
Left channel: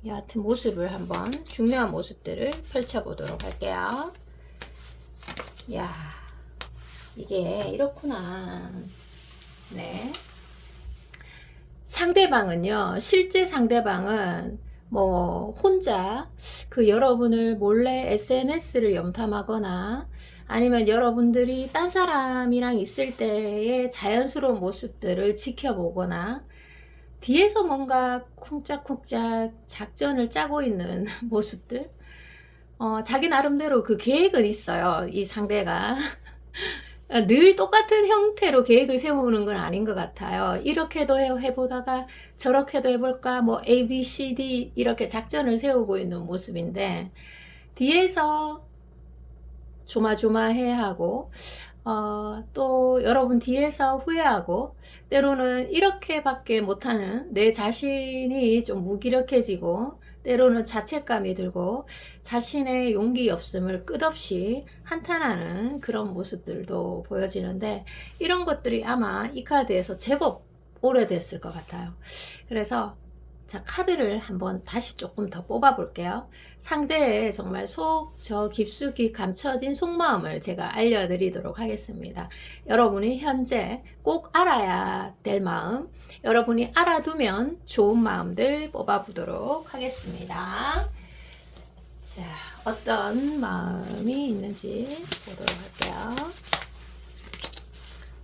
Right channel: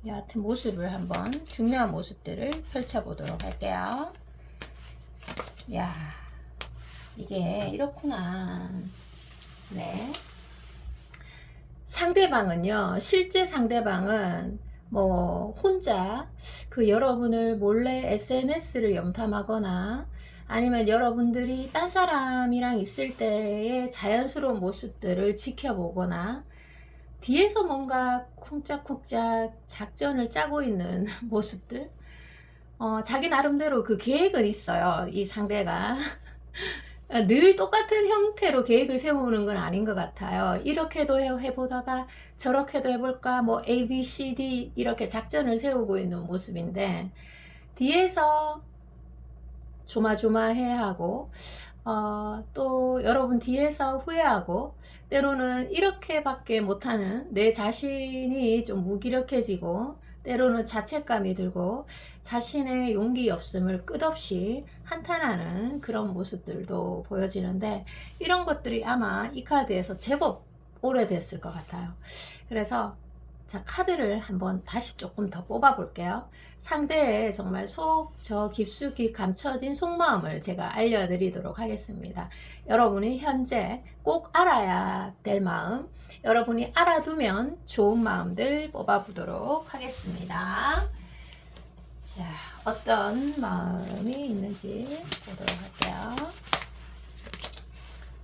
여하튼 모습을 한번 중요한 모습들을 펼쳐보도록 할게요. 야, 이게 이렇구나. 네. 상대방은요, 실제 상대방은 뭐 혼자 그 여러분을 몰래 SNS를 염탐하거나 아니면 여러분들이 딴 사람이랑 있을 때의 자연스러운 모습들을 지켜보거나 뒤에서 뭔가 쿵짝쿵짝 작전을 짜고 있는 모습들, 자기 나름대로 그 계획은 있어요. 이 상대가 늘 똑같은 형태로 계획을 세우는 건 아닌 것 같아요. 이렇게도 해보다가 저렇게도 해볼까, 뭐 A, B, C, D 이렇게 작전을 세우고 있는 모습인데 뒤에서 조마조마해하고 또 여러분 뒤에서 후회하고 때로는 이렇게밖에 못하는 내 자신이 좀 무기력해지고 때로는 자책감이 들고 자신의 용기 없음을 끝없이 한탄하는 그런 모습들도 보여지는데 이런 것들이 아마 이 카드에서 제법 오래됐을 것 같아요. 그래서 자, 카드를 한번 다시 조금 더 뽑아 볼게요. 상대의 정말 저 깊숙이 감춰진 속마음을 제가 알려드리도록 하겠습니다. 여러분이 현재 꼭 알아야 될 마음, 여러분이 알아두면 좋은 마음들 뽑아 보도록 하겠습니다. 자, 어떤 마음이 있는지 보도록 할게요.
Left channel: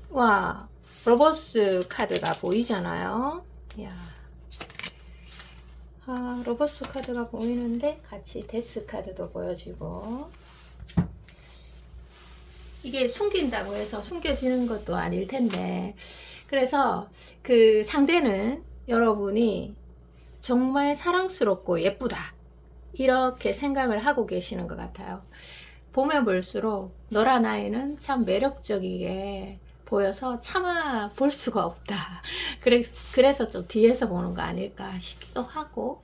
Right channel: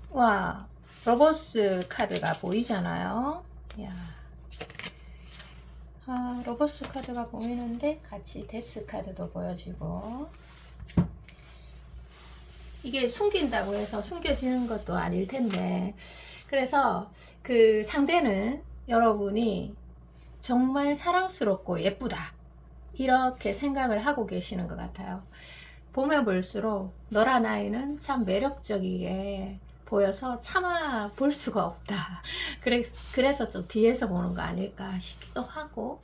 와, 로버스 카드가 보이잖아요. 야. 로버스 카드가 보이는데 같이 데스 카드도 보여지고 이게 숨긴다고 해서 숨겨지는 것도 아닐 텐데 그래서 그 상대는 여러분이 정말 사랑스럽고 예쁘다 이렇게 생각을 하고 계시는 것 같아요. 보면 볼수록 너란 아이는 참 매력적이게 보여서 참아 볼 수가 없다. 그래서 좀 뒤에서 보는 거 아닐까 싶기도 하고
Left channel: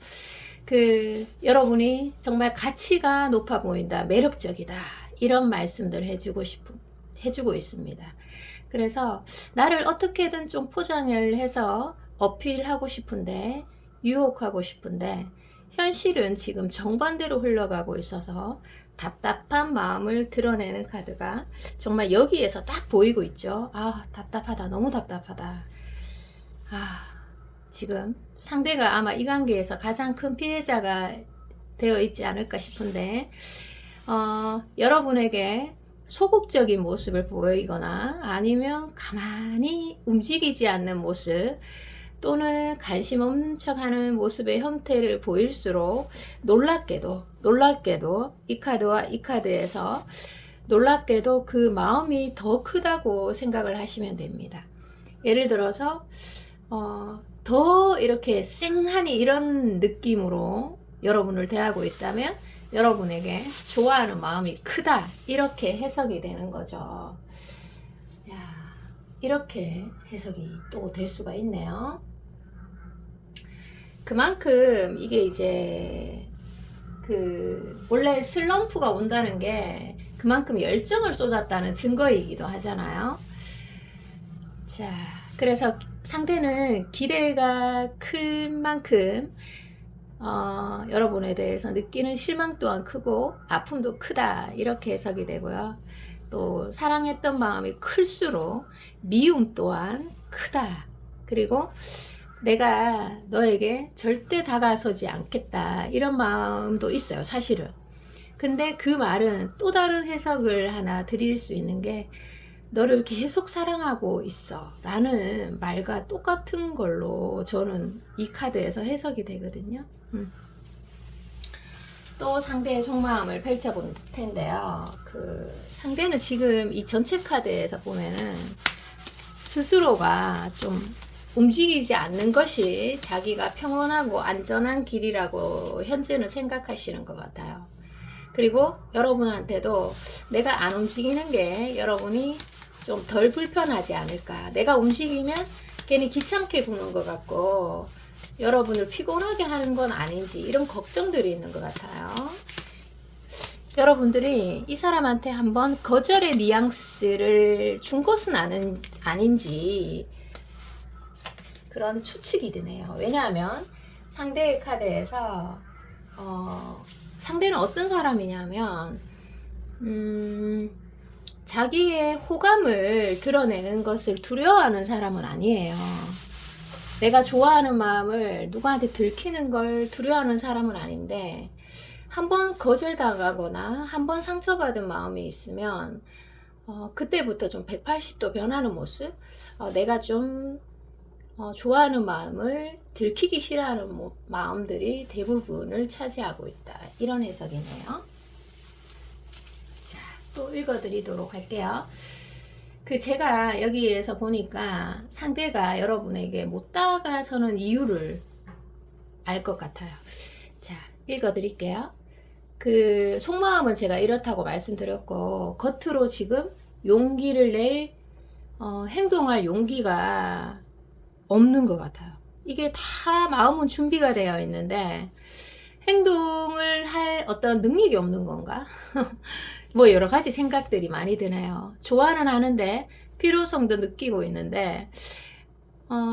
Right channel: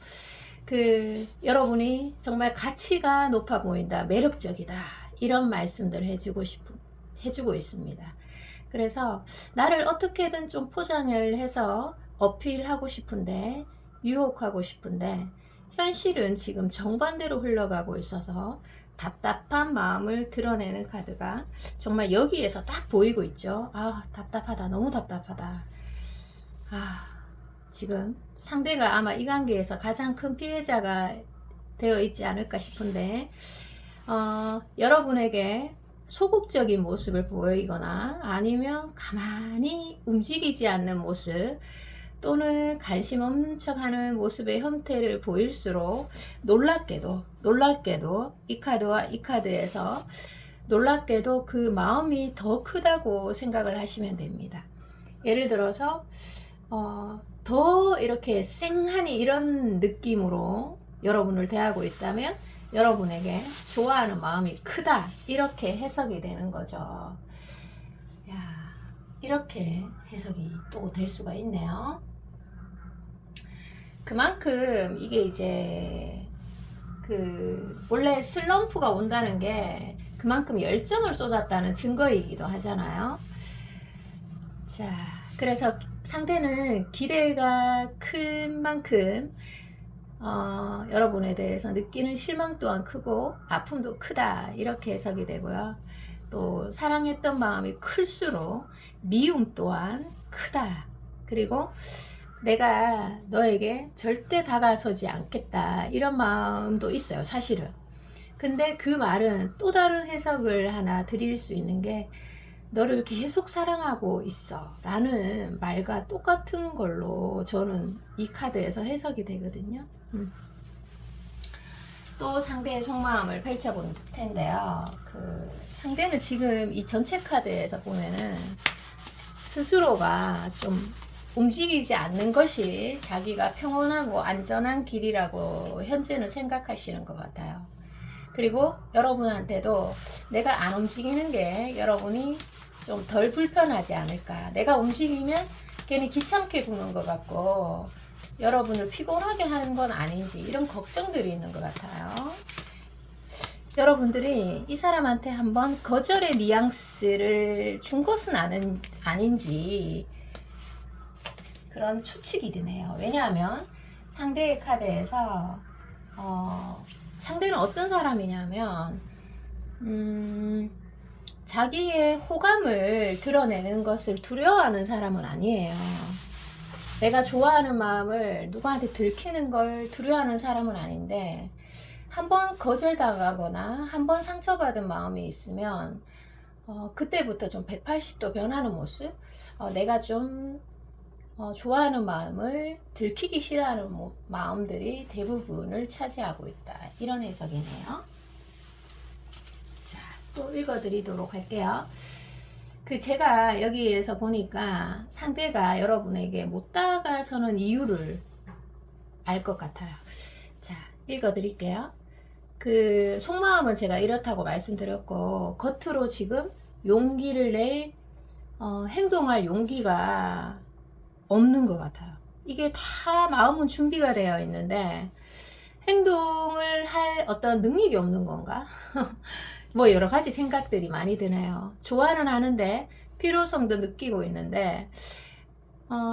여러분이 정말 가치가 높아 보인다, 매력적이다 이런 말씀들 해주고 있습니다. 그래서 나를 어떻게든 좀 포장을 해서 어필하고 싶은데 유혹하고 싶은데 현실은 지금 정반대로 흘러가고 있어서 답답한 마음을 드러내는 카드가 정말 여기에서 딱 보이고 있죠. 답답하다, 너무 답답하다. 지금 상대가 아마 이 관계에서 가장 큰 피해자가 되어 있지 않을까 싶은데 여러분에게 소극적인 모습을 보이거나 아니면 가만히 움직이지 않는 모습 또는 관심 없는 척하는 모습의 형태를 보일수록 놀랍게도 이 카드와 이 카드에서 놀랍게도 그 마음이 더 크다고 생각을 하시면 됩니다. 예를 들어서 더 이렇게 쌩하니 이런 느낌으로 여러분을 대하고 있다면 여러분에게 좋아하는 마음이 크다 이렇게 해석이 되는 거죠. 이렇게 해석이 또 될 수가 있네요. 그만큼 이게 이제 원래 슬럼프가 온다는 게 그만큼 열정을 쏟았다는 증거이기도 하잖아요. 자, 그래서 상대는 기대가 클 만큼 여러분에 대해서 느끼는 실망 또한 크고 아픔도 크다 이렇게 해석이 되고요. 또 사랑했던 마음이 클수록 미움 또한 크다. 그리고 내가 너에게 절대 다가서지 않겠다 이런 마음도 있어요, 사실은. 근데 그 말은 또 다른 해석을 하나 드릴 수 있는 게 너를 계속 사랑하고 있어 라는 말과 똑같은 걸로 저는 이 카드에서 해석이 되거든요. 또 상대의 속마음을 펼쳐볼 텐데요. 상대는 지금 이 전체 카드에서 보면은 스스로가 좀 움직이지 않는 것이 자기가 평온하고 안전한 길이라고 현재는 생각하시는 것 같아요. 그리고 여러분한테도 내가 안 움직이는 게 여러분이 좀 덜 불편하지 않을까. 내가 움직이면 괜히 귀찮게 구는 것 같고 여러분을 피곤하게 하는 건 아닌지 이런 걱정들이 있는 것 같아요. 여러분들이 이 사람한테 한번 거절의 뉘앙스를 준 것은 아닌지 그런 추측이 드네요. 왜냐하면 상대의 카드에서 상대는 어떤 사람이냐면 자기의 호감을 드러내는 것을 두려워하는 사람은 아니에요. 내가 좋아하는 마음을 누구한테 들키는 걸 두려워하는 사람은 아닌데 한번 거절당하거나 한번 상처받은 마음이 있으면 그때부터 좀 180도 변하는 모습, 내가 좀 좋아하는 마음을 들키기 싫어하는 마음들이 대부분을 차지하고 있다. 이런 해석이네요. 자, 또 읽어드리도록 할게요. 제가 여기에서 보니까 상대가 여러분에게 못 다가서는 이유를 알 것 같아요. 자, 읽어드릴게요. 속마음은 제가 이렇다고 말씀드렸고, 겉으로 지금 용기를 낼, 행동할 용기가 없는 것 같아요. 이게 다 마음은 준비가 되어 있는데, 행동을 할 어떤 능력이 없는 건가? 뭐 여러 가지 생각들이 많이 드네요. 좋아는 하는데, 필요성도 느끼고 있는데,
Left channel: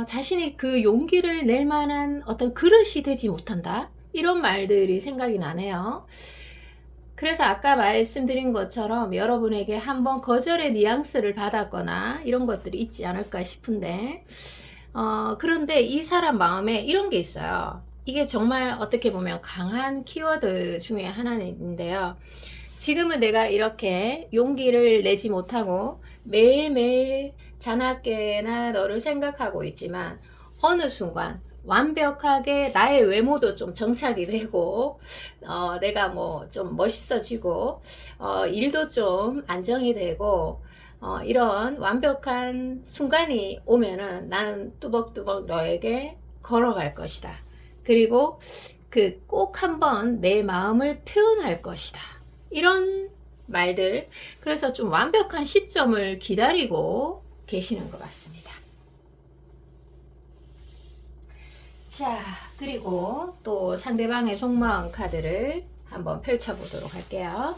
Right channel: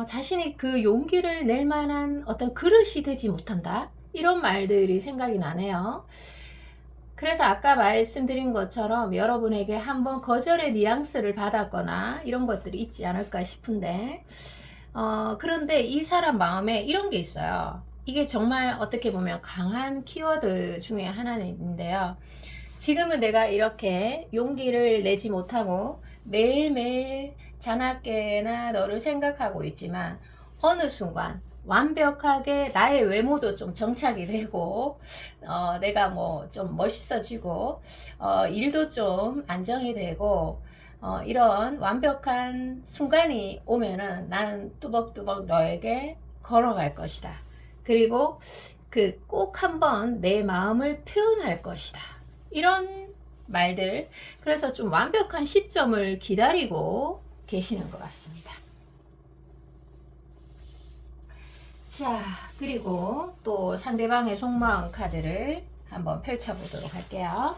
자신이 그 용기를 낼 만한 어떤 그릇이 되지 못한다? 이런 말들이 생각이 나네요. 그래서 아까 말씀드린 것처럼 여러분에게 한번 거절의 뉘앙스를 받았거나 이런 것들이 있지 않을까 싶은데, 그런데 이 사람 마음에 이런 게 있어요. 이게 정말 어떻게 보면 강한 키워드 중에 하나인데요. 지금은 내가 이렇게 용기를 내지 못하고 매일매일 자나깨나 너를 생각하고 있지만 어느 순간 완벽하게 나의 외모도 좀 정착이 되고 내가 뭐 좀 멋있어지고 일도 좀 안정이 되고 이런 완벽한 순간이 오면은 나는 뚜벅뚜벅 너에게 걸어갈 것이다. 그리고 꼭 한번 내 마음을 표현할 것이다. 이런 말들. 그래서 좀 완벽한 시점을 기다리고 계시는 것 같습니다. 자, 그리고 또 상대방의 속마음 카드를 한번 펼쳐보도록 할게요.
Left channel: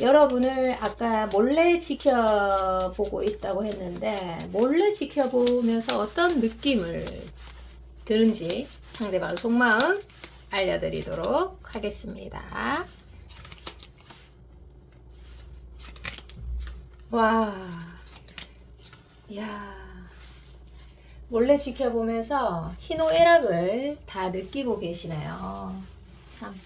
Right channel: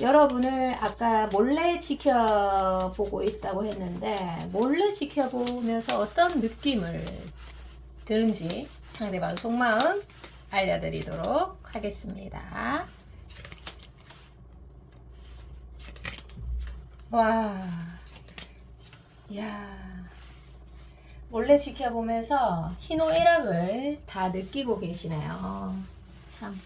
여러분을 아까 몰래 지켜보고 있다고 했는데 몰래 지켜보면서 어떤 느낌을 드는지 상대방 속마음 알려드리도록 하겠습니다. 와, 야, 몰래 지켜보면서 희노애락을 다 느끼고 계시네요. 참.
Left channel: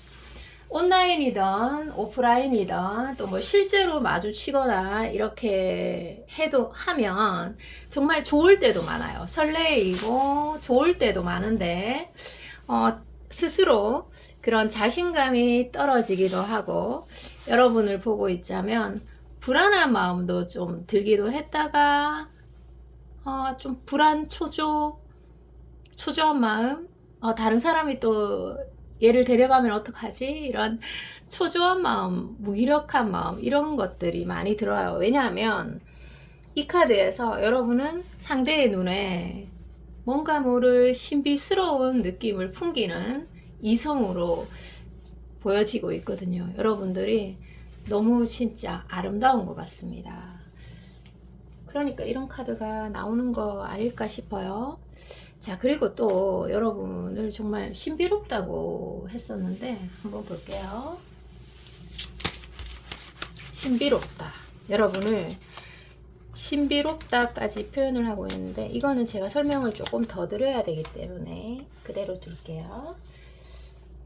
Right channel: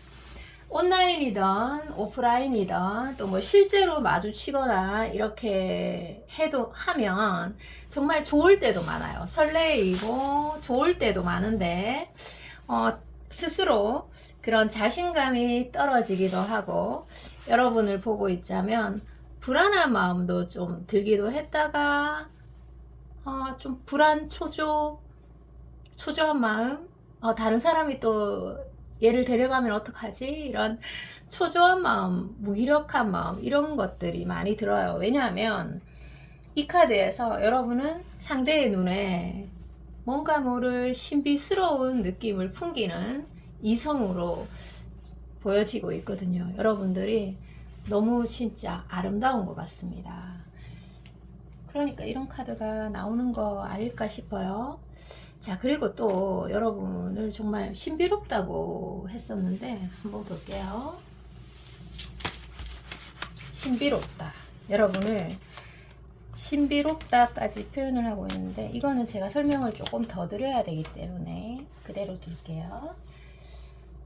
온라인이든 오프라인이든 또 뭐 실제로 마주치거나 이렇게 하면 정말 좋을 때도 많아요. 설레이고 좋을 때도 많은데 스스로 그런 자신감이 떨어지기도 하고 여러분을 보고 있자면 불안한 마음도 좀 들기도 했다가 좀 초조한 마음, 다른 사람이 또 얘를 데려가면 어떡하지? 이런 초조한 마음, 무기력한 마음 이런 것들이 많이 들어요. 왜냐하면 이 카드에서 여러분은 상대의 눈에 뭔가 모를 신비스러운 느낌을 풍기는 이성으로 보여지고 있거든요. 여러분들이 너무 진짜 아름다운 것 같습니다. 그러니까 이런 카드가 나오는 거 아닐까 싶어요. 자, 그리고 또 여러분을 정말 신비롭다고 했었는데 한번 볼게요. 신비롭다. 여러분을 신비롭다까지 표현을 하고 있는데 이거는 제가 설명을 조금 더 드려야 되기 때문에 그대로 둘게요.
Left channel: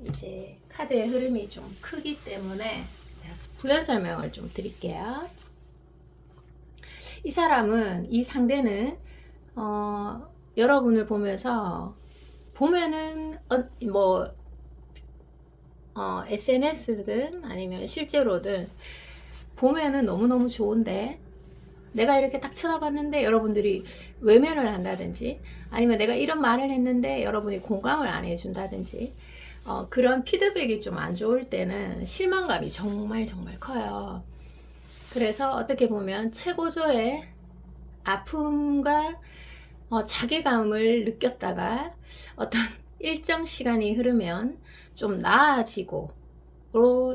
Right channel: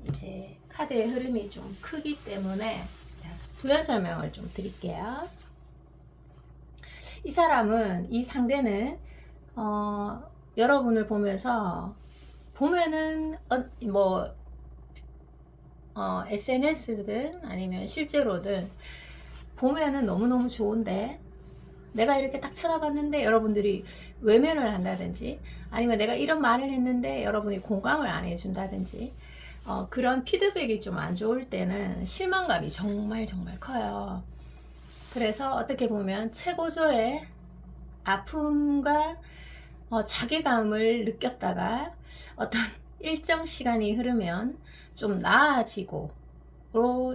이제 카드의 흐름이 좀 크기 때문에 자, 부연 설명을 좀 드릴게요. 이 상대는 여러분을 보면은 SNS든 아니면 실제로든 보면은 너무너무 좋은데 내가 이렇게 딱 쳐다봤는데 여러분들이 외면을 한다든지, 아니면 내가 이런 말을 했는데 여러분이 공감을 안 해준다든지, 그런 피드백이 좀 안 좋을 때는 실망감이 정말 정말 커요. 그래서 어떻게 보면 최고조의 아픔과 자괴감을 느꼈다가 어떤 일정 시간이 흐르면 좀 나아지고,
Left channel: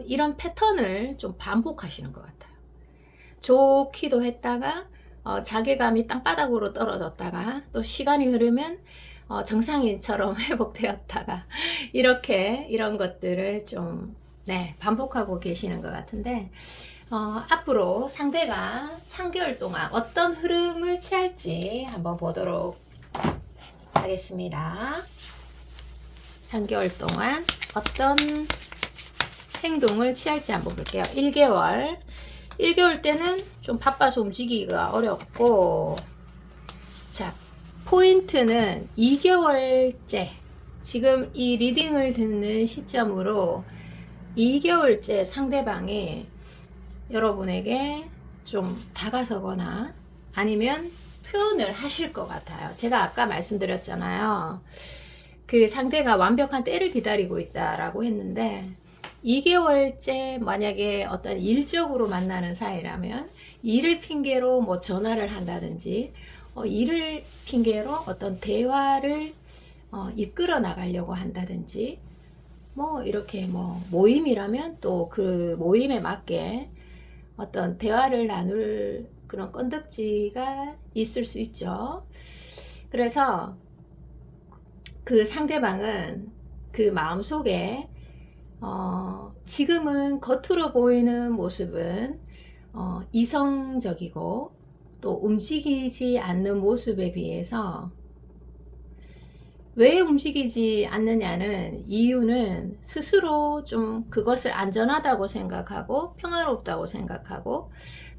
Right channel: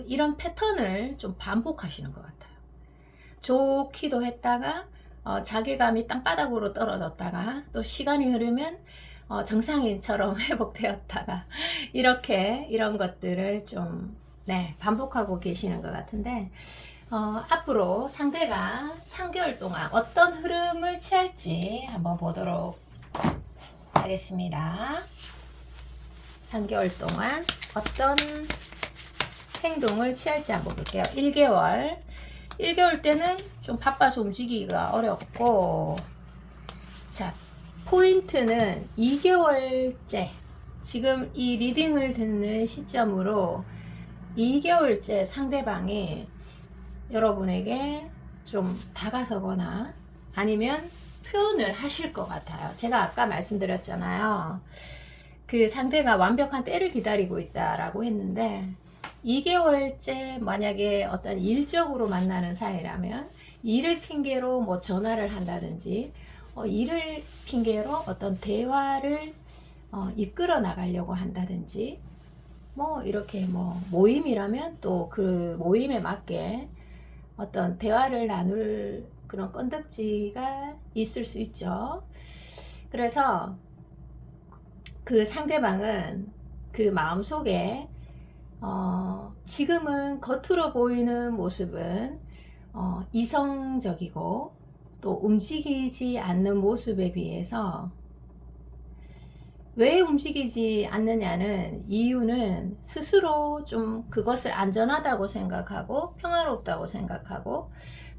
이런 패턴을 좀 반복하시는 것 같아요. 좋기도 했다가 자괴감이 땅바닥으로 떨어졌다가, 또 시간이 흐르면 정상인처럼 회복되었다가, 이렇게 이런 것들을 좀 반복하고 계시는 것 같은데, 앞으로 상대가 3개월 동안 어떤 흐름을 취할지 한번 보도록 하겠습니다. 3개월 동안 어떤 행동을 취할지 한번 볼게요. 1개월 때는 좀 바빠서 움직이기가 어렵고, 자, 포인트는 2개월째, 지금 이 리딩을 듣는 시점으로 2개월째 상대방이 여러분에게 좀 다가서거나 아니면 표현을 하실 것 같아요. 제가 아까 말씀드렸잖아요. 그 상대가 완벽한 때를 기다리고 있다라고 했는데, 2개월째 만약에 어떤 일적으로 만나는 사이라면 일을 핑계로 뭐 전화를 한다든지, 일을 핑계로 어떤 대화를 이끌어 나가려고 한다든지, 뭐 이렇게 뭐 모임이라면 또 그 모임에 맞게 어떤 대화를 나눌 그런 건덕지가 있을 수 있죠. 그래서 그 상대방은 그 마음속에 지금은 겉으로 보이는 모습은 이성적이고 또 움직이지 않는 모습에 비해서, 왜 움직이지 않느냐는 이유는 스스로 좀 그것을 안전하다고 생각하고 평화롭다고 생각하고,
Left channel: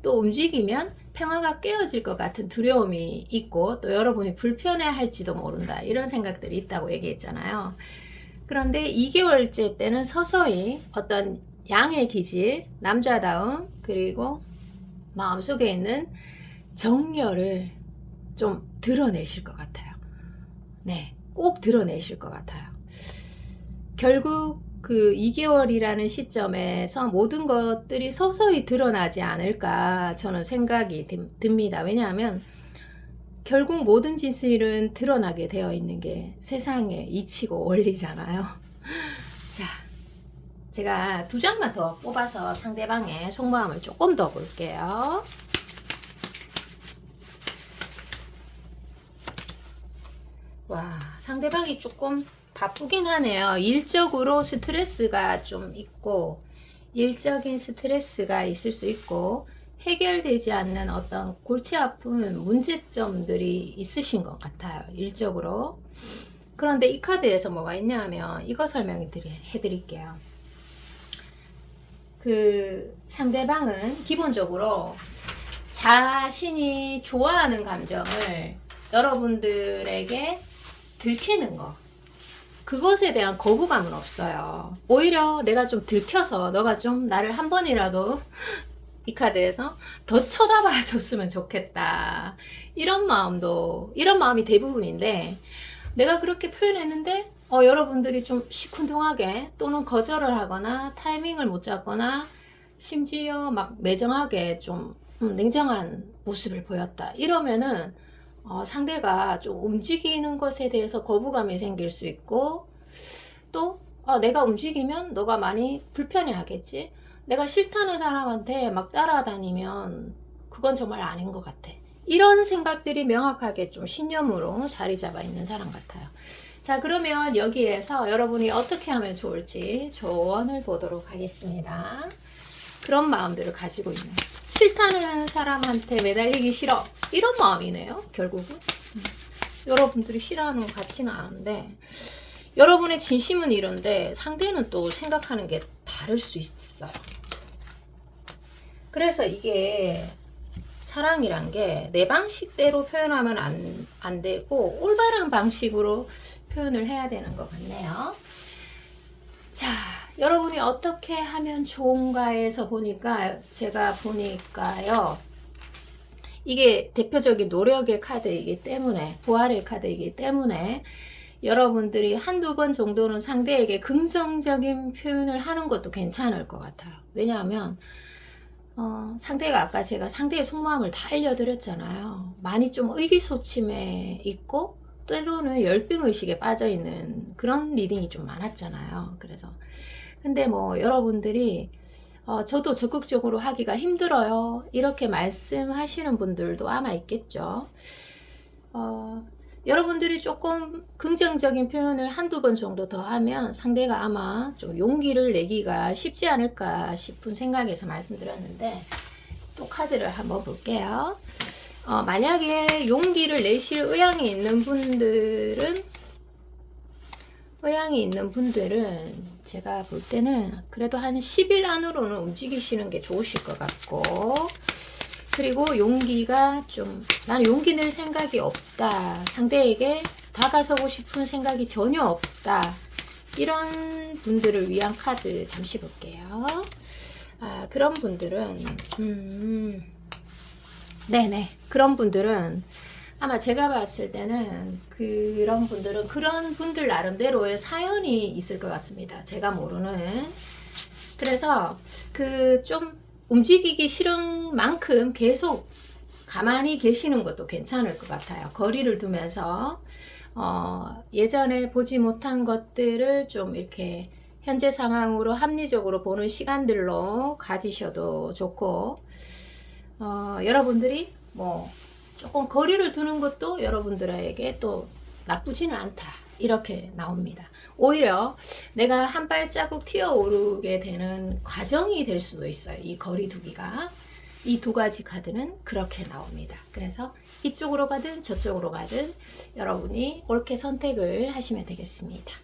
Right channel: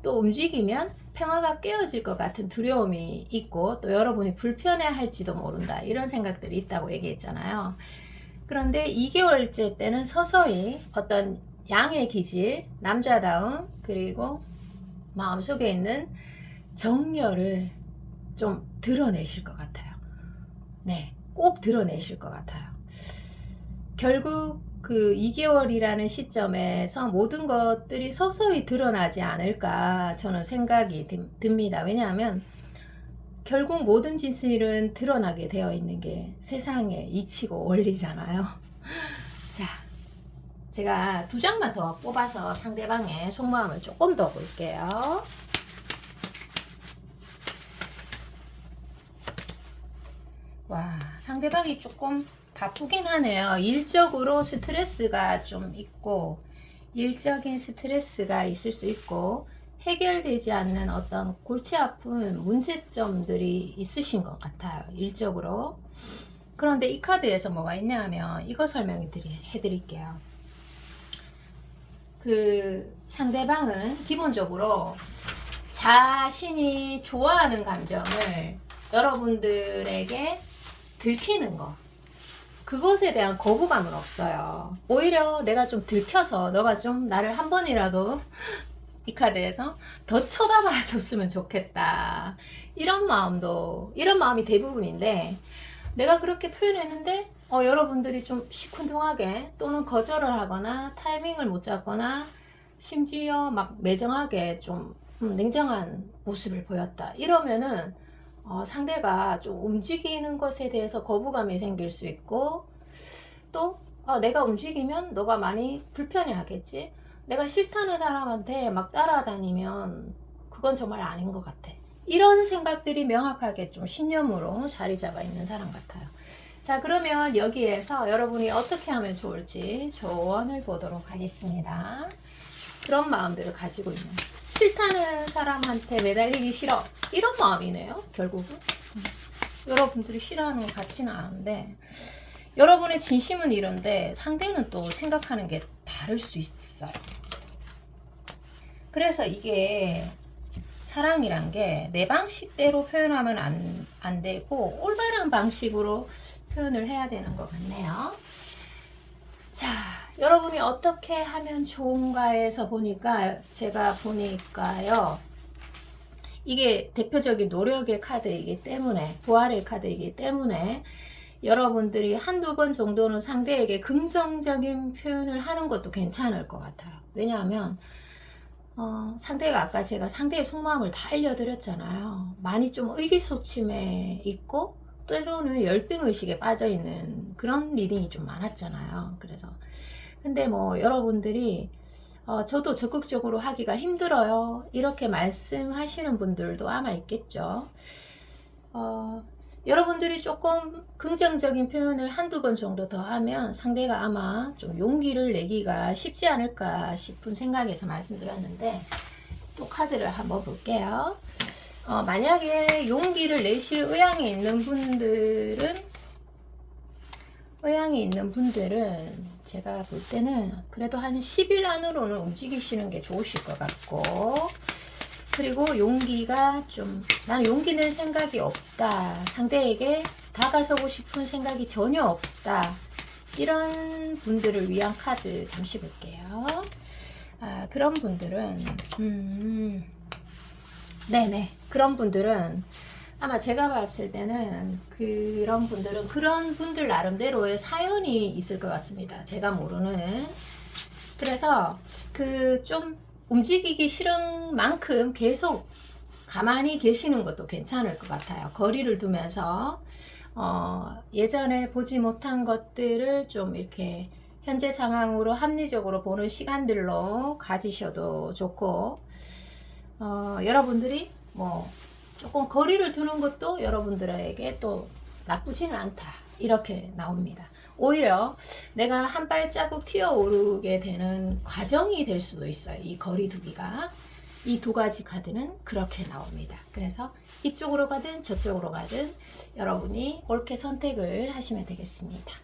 또 움직이면 평화가 깨어질 것 같은 두려움이 있고, 또 여러분이 불편해 할지도 모른다, 이런 생각들이 있다고 얘기했잖아요. 그런데 2개월째 때는 서서히 어떤 양의 기질, 남자다움, 그리고 마음속에 있는 정열을 좀 드러내실 것 같아요. 네, 꼭 드러내실 것 같아요. 결국 그 2개월이라는 시점에서 모든 것들이 서서히 드러나지 않을까 저는 생각이 듭니다. 왜냐하면 결국 모든 진실은 드러나게 되어 있는 게 세상의 이치고 원리잖아요. 자, 제가 2장만 더 뽑아서 상대방의 속마음을 조금 더 볼게요. 와, 상대방이 조금 바쁘긴 하네요. 일적으로 스트레스가 좀 있고, 일적인 스트레스가 있을 수 있고, 해결되지 않는 어떤 골치 아픈 문제점들이 있으신 것 같아요. 일적으로. 그런데 이 카드에서 뭐가 있냐면 이거 설명해 드릴게요. 그 상대방은 기본적으로 자신이 좋아하는 감정을 여러분들에게 들키는 거, 그것에 대한 거부감은 없어요. 오히려 내가 좀 들켜서 너가 좀 나를 한 번이라도 이 카드에서 더 쳐다봐 줬으면 좋겠다, 이런 마음이 대부분인데, 내가 그렇게 표현했는데 여러분들이 좀 시큰둥하게 또는 거절을 하거나 타이밍을 못 잡거나 심지어 막 매정하게 좀 냉정한 모습을 보였다, 이러면은 상대가 좀 움직이는 것에 대해서 거부감이 생길 수 있고, 또 내가 움직이면 너가 많이 불편해 하겠지, 내가 싫다는 사람한테 막 따라다니면 그건 정말 아닌 것 같아, 이런 생각들이 명확하게 좀 신념으로 자리 잡아 있는 사람 같아요. 자, 그러면 여기에서 여러분이 어떻게 하면 좋을지 조언을 보도록 하겠습니다. 그런 마음들을 가지고 있는, 싫다는 사람한테 매달리기 싫어, 이런 마음이네요. 결국은 여러분들이 싫어하는 것 같지는 않은데, 여러분의 진심은 이런데 상대는 또 생각하는 게 다를 수 있어요. 그래서 이게 사랑이란 게 내 방식대로 표현하면 안 되고 올바른 방식으로 표현을 해야 되는 것 같네요. 자, 여러분이 어떻게 하면 좋은가에서 보니까, 제가 보니까요, 이게 대표적인 노력의 카드이기 때문에, 부활의 카드이기 때문에 여러분들이 한두 번 정도는 상대에게 긍정적인 표현을 하는 것도 괜찮을 것 같아요. 왜냐하면 상대가 아까 제가 상대의 속마음을 다 알려드렸잖아요. 많이 좀 의기소침해 있고 때로는 열등의식에 빠져있는 그런 리딩이 좀 많았잖아요. 그래서 근데 뭐 여러분들이 저도 적극적으로 하기가 힘들어요, 이렇게 말씀하시는 분들도 아마 있겠죠. 여러분들이 조금 긍정적인 표현을 한두 번 정도 더 하면 상대가 아마 좀 용기를 내기가 쉽지 않을까 싶은 생각에서 말씀드렸는데, 또 카드를 한번 볼게요. 만약에 용기를 내실 의향이 있는 분들은 제가 볼 때는 그래도 한 10일 안으로는 움직이시는 게 좋으실 것 같고, 그리고 용기가 좀, 나는 용기 낼 생각이 없다, 상대에게 다가서고 싶은 생각이 전혀 없다, 이런 분들을 위한 카드 잠시 볼게요. 그런 분들은 네네, 그런 분들은 아마 제가 봤을 때는 그런 분들 나름대로의 사연이 있을 것 같습니다, 제가 모르는. 그래서 그 좀 움직이기 싫은 만큼 계속 가만히 계시는 것도 괜찮을 것 같아요. 거리를 두면서 예전에 보지 못한 것들을 좀 이렇게 현재 상황으로 합리적으로 보는 시간들로 가지셔도 좋고, 여러분들이 뭐 조금 거리를 두는 것도 여러분들에게 또 나쁘지는 않다, 이렇게 나옵니다. 오히려 내가 한 발자국 튀어오르게 되는 과정이 될 수도 있어요, 이 거리 두기가. 이 두 가지 카드는 그렇게 나옵니다. 그래서 이쪽으로 가든 저쪽으로 가든 여러분이 옳게 선택을 하시면 되겠습니다.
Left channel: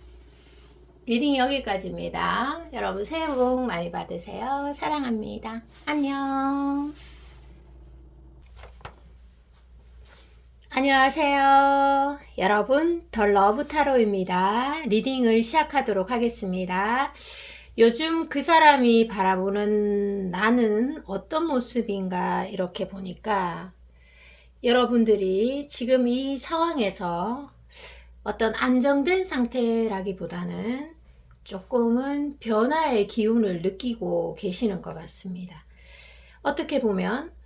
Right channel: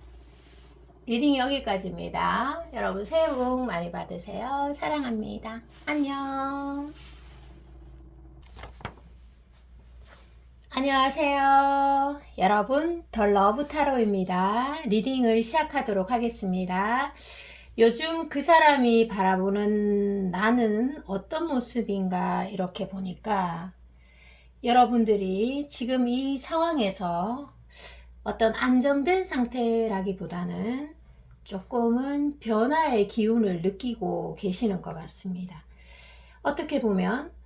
리딩 여기까지입니다. 여러분 새해 복 많이 받으세요. 사랑합니다. 안녕. 안녕하세요. 여러분, 더 러브 타로입니다. 리딩을 시작하도록 하겠습니다. 요즘 그 사람이 바라보는 나는 어떤 모습인가, 이렇게 보니까 여러분들이 지금 이 상황에서 어떤 안정된 상태라기보다는 조금은 변화의 기운을 느끼고 계시는 것 같습니다. 어떻게 보면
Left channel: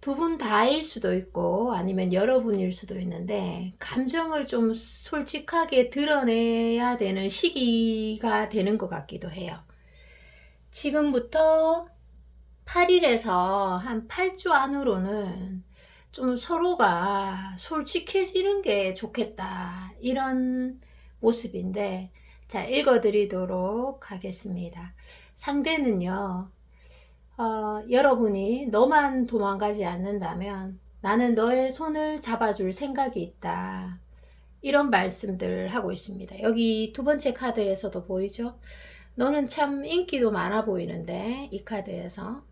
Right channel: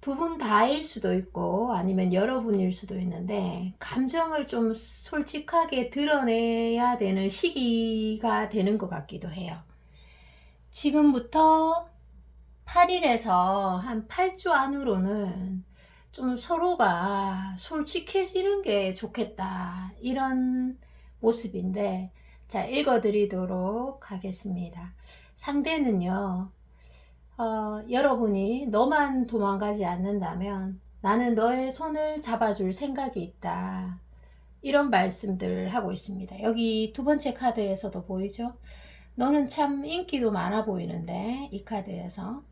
두 분 다일 수도 있고 아니면 여러분일 수도 있는데, 감정을 좀 솔직하게 드러내야 되는 시기가 되는 것 같기도 해요. 지금부터 8일에서 한 8주 안으로는 좀 서로가 솔직해지는 게 좋겠다, 이런 모습인데, 자, 읽어드리도록 하겠습니다. 상대는요, 여러분이 너만 도망가지 않는다면 나는 너의 손을 잡아줄 생각이 있다, 이런 말씀들 하고 있습니다. 여기 두 번째 카드에서도 보이죠? 너는 참 인기도 많아 보이는데, 이 카드에서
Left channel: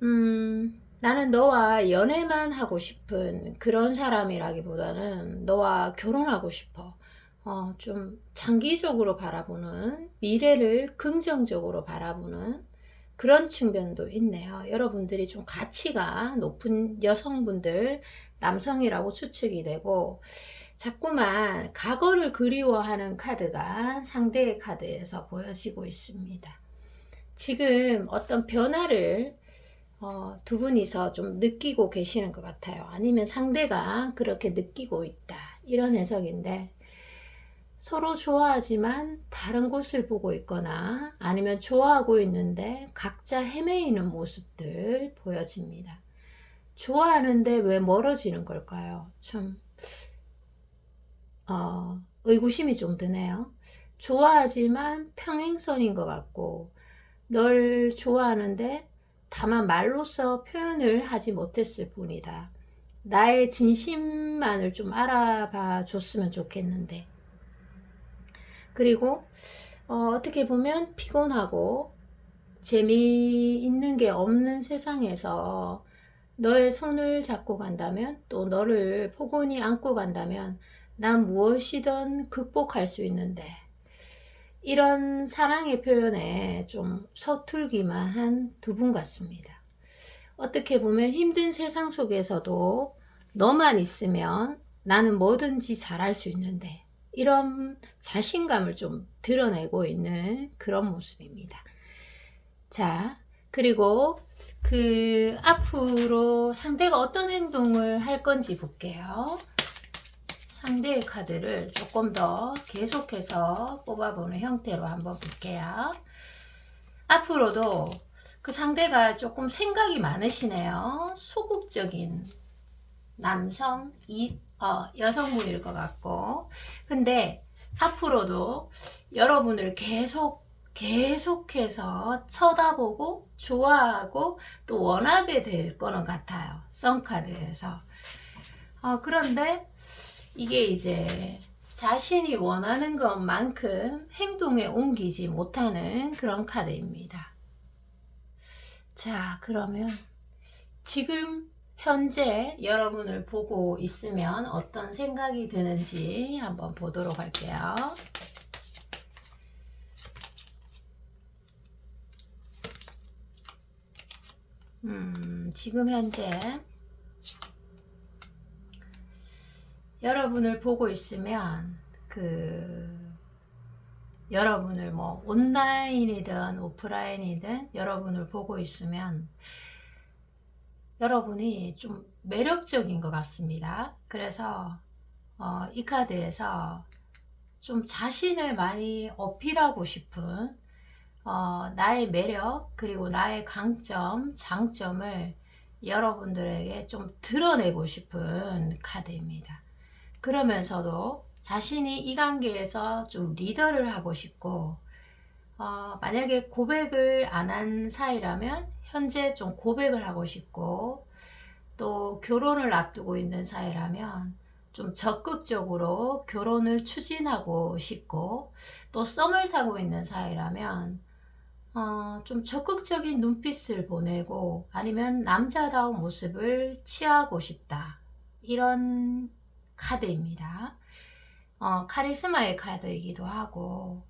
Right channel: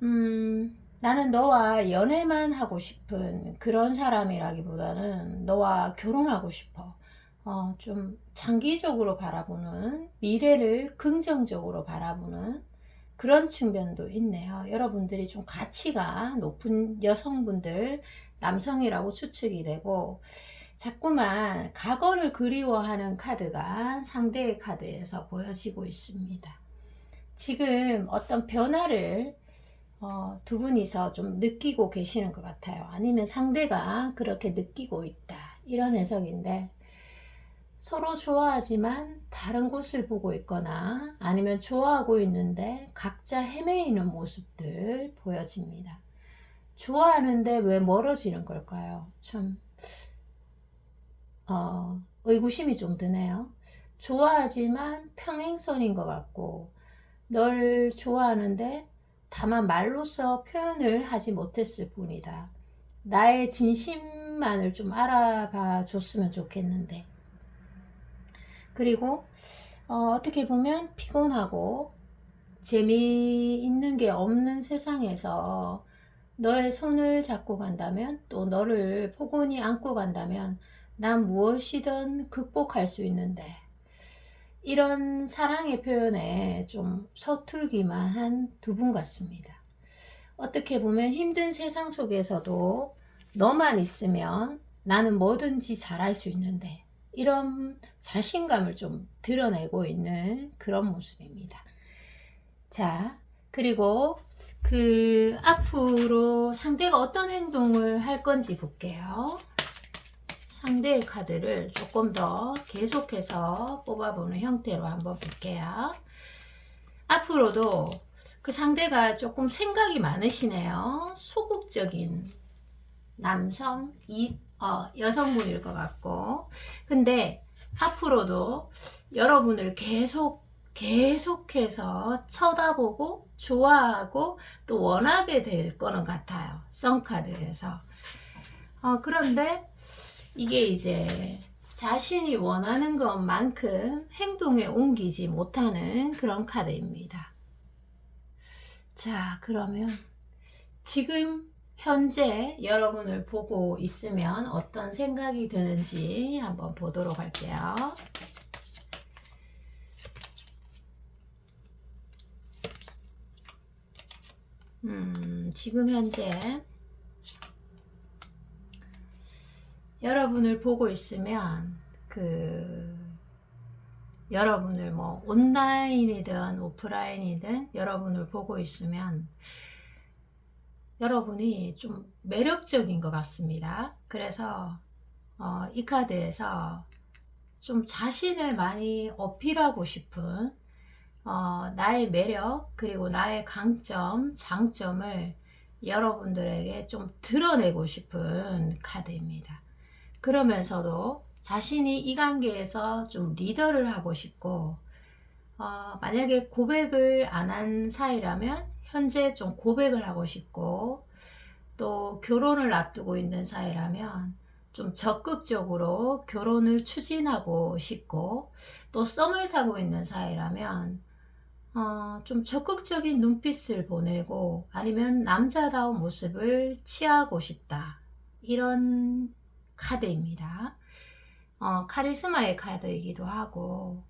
나는 너와 연애만 하고 싶은 그런 사람이라기보다는 너와 결혼하고 싶어. 좀 장기적으로 바라보는, 미래를 긍정적으로 바라보는 그런 측면도 있네요. 여러분들이 좀 가치가 높은 여성분들, 남성이라고 추측이 되고, 자꾸만 과거를 그리워하는 카드가 상대의 카드에서 보여지고 있습니다. 지금 어떤 변화를 두 분이서 좀 느끼고 계시는 것 같아요. 아니면 상대가 그렇게 느끼고 있다, 이런 해석인데, 서로 좋아하지만 다른 곳을 보고 있거나 아니면 좋아하고 있는데 각자 헤매이는 모습들 보여집니다. 좋아하는데 왜 멀어지는 걸까요? 참 의구심이 좀 드네요. 좋아하지만 평행선인 것 같고, 널 좋아하는데 다만 말로써 표현을 하지 못했을 뿐이다. 나의 진심만을 좀 알아봐 줬으면 좋겠는데. 그리고 어떻게 보면 피곤하고 재미있는 게 없는 세상에서 너의 손을 잡고 간다면, 또 너를 포근히 안고 간다면 난 무엇이든 극복할 수 있는데, 이런 사랑의 표현에 좀 서툴기만 한 두 분 같습니다. 어떻게 보면 힘든 세상 속에서도 너만 있으면 나는 뭐든지 잘할 수 있는데, 이런 자신감을 좀 드러내고 있는 그런 모습입니다. 자, 그리고 그 앞으로 상대가 어떤 행동을 할 건지 볼게요. 상대의 카드를 조금 더 계속해서 뽑아보는 형태로 한번 볼게요. 앞으로도 그 상대가 조금 생각이 많으시네요. 소극적인 여성분일 것 같고, 근데 앞으로도 여러분을 계속해서 쳐다보고 좋아하고 또 원하게 될 거는 같아요. 썬카드에서. 그런데 이게 이제 자신이 원하는 것만큼 행동에 옮기지 못하는 그런 카드입니다. 자, 그러면 지금 현재 여러분을 보고 있으면 어떤 생각이 드는지 한번 보도록 할게요. 지금 현재 여러분을 보고 있으면 여러분을 뭐 온라인이든 오프라인이든 여러분을 보고 있으면 여러분이 좀 매력적인 것 같습니다. 그래서 이 카드에서 좀 자신을 많이 어필하고 싶은 나의 매력 그리고 나의 강점, 장점을 여러분들에게 좀 드러내고 싶은 카드입니다. 그러면서도 자신이 이 관계에서 좀 리더를 하고 싶고, 만약에 고백을 안 한 사이라면 현재 좀 고백을 하고 싶고, 또 결혼을 앞두고 있는 사이라면 좀 적극적으로 결혼을 추진하고 싶고, 또 썸을 타고 있는 사이라면 좀 적극적인 눈빛을 보내고 아니면 남자다운 모습을 취하고 싶다, 이런 카드입니다. 카리스마의 카드이기도 하고,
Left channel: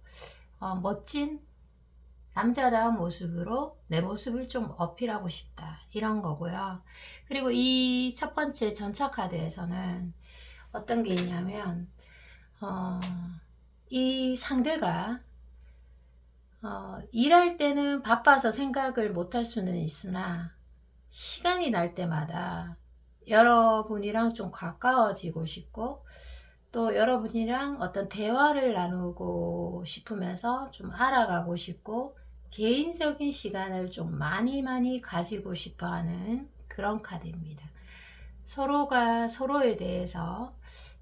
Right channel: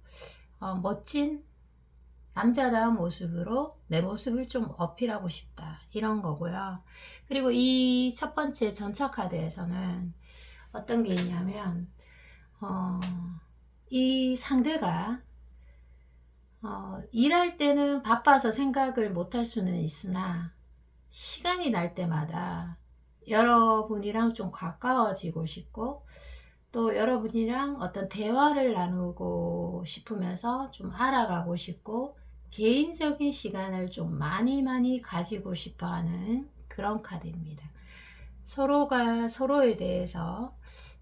멋진 남자다운 모습으로 내 모습을 좀 어필하고 싶다, 이런 거고요. 그리고 이 첫 번째 전차 카드에서는 어떤 게 있냐면 이 상대가 일할 때는 바빠서 생각을 못할 수는 있으나 시간이 날 때마다 여러분이랑 좀 가까워지고 싶고, 또 여러분이랑 어떤 대화를 나누고 싶으면서 좀 알아가고 싶고, 개인적인 시간을 좀 많이 가지고 싶어 하는 그런 카드입니다. 서로가 서로에 대해서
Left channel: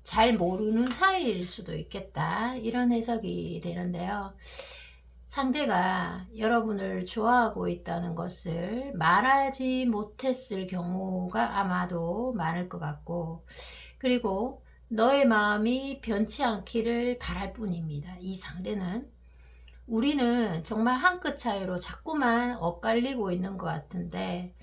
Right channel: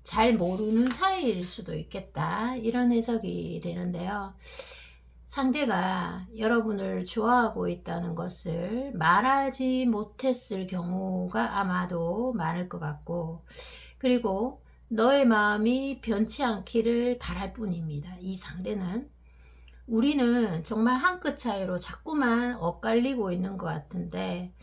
잘 모르는 사이일 수도 있겠다, 이런 해석이 되는데요. 상대가 여러분을 좋아하고 있다는 것을 말하지 못했을 경우가 아마도 많을 것 같고, 그리고 너의 마음이 변치 않기를 바랄 뿐입니다. 이 상대는. 우리는 정말 한 끗 차이로 자꾸만 엇갈리고 있는 것 같은데,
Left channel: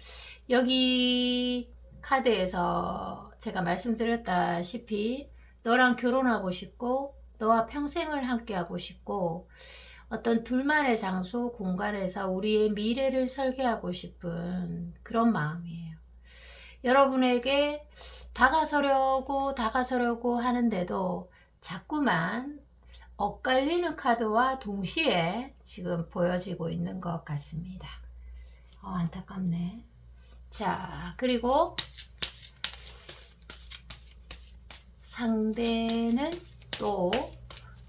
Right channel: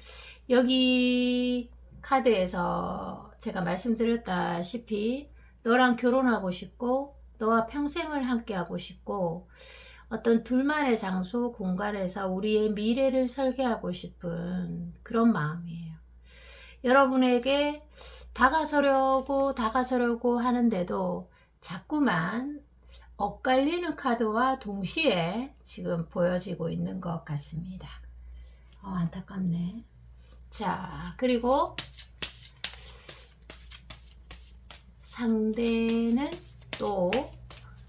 여기 카드에서 제가 말씀드렸다시피 너랑 결혼하고 싶고 너와 평생을 함께 하고 싶고, 어떤 둘만의 장소, 공간에서 우리의 미래를 설계하고 싶은 그런 마음이에요. 여러분에게 다가서려고 하는데도 자꾸만 엇갈리는 카드와 동시에 지금 보여지고 있는 것 같습니다. 안타깝네. 자, 그리고 상대는 또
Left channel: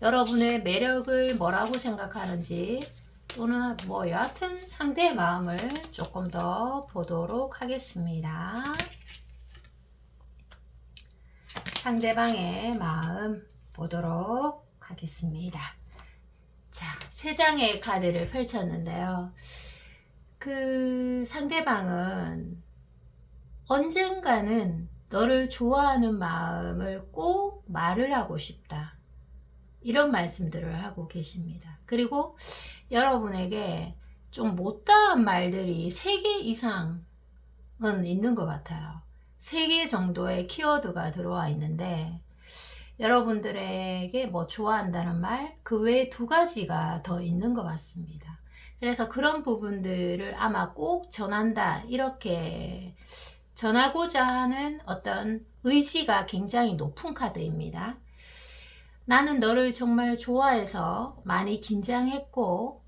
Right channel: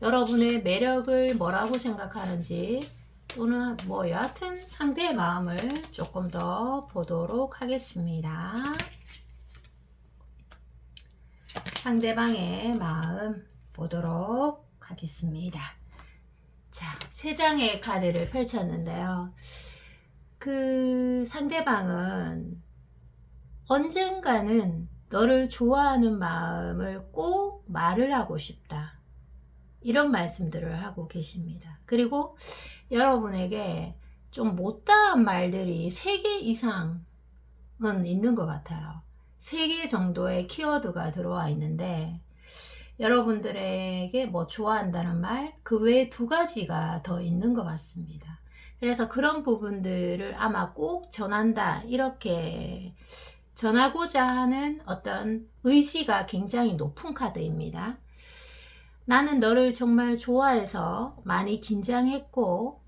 여러분의 매력을 뭐라고 생각하는지, 또는 뭐 여하튼 상대의 마음을 조금 더 보도록 하겠습니다. 상대방의 마음 보도록 하겠습니다. 자, 세 장의 카드를 펼쳤는데요. 그 상대방은 언젠가는 너를 좋아하는 마음을 꼭 말을 하고 싶다, 이런 말씀들을 하고 계십니다. 그리고 여러분에게 좀 못다한 말들이 3개 이상은 있는 것 같아요. 3개 정도의 키워드가 들어와 있는데, 여러분들에게 뭐 좋아한다는 말, 그 외에 2가지가 더 있는 것 같습니다. 그래서 그런 부분들을 아마 꼭 전한다, 이렇게 전하고자 하는 어떤 의지가 굉장히 높은 카드입니다. 나는 너를 정말 좋아해서 많이 긴장했고,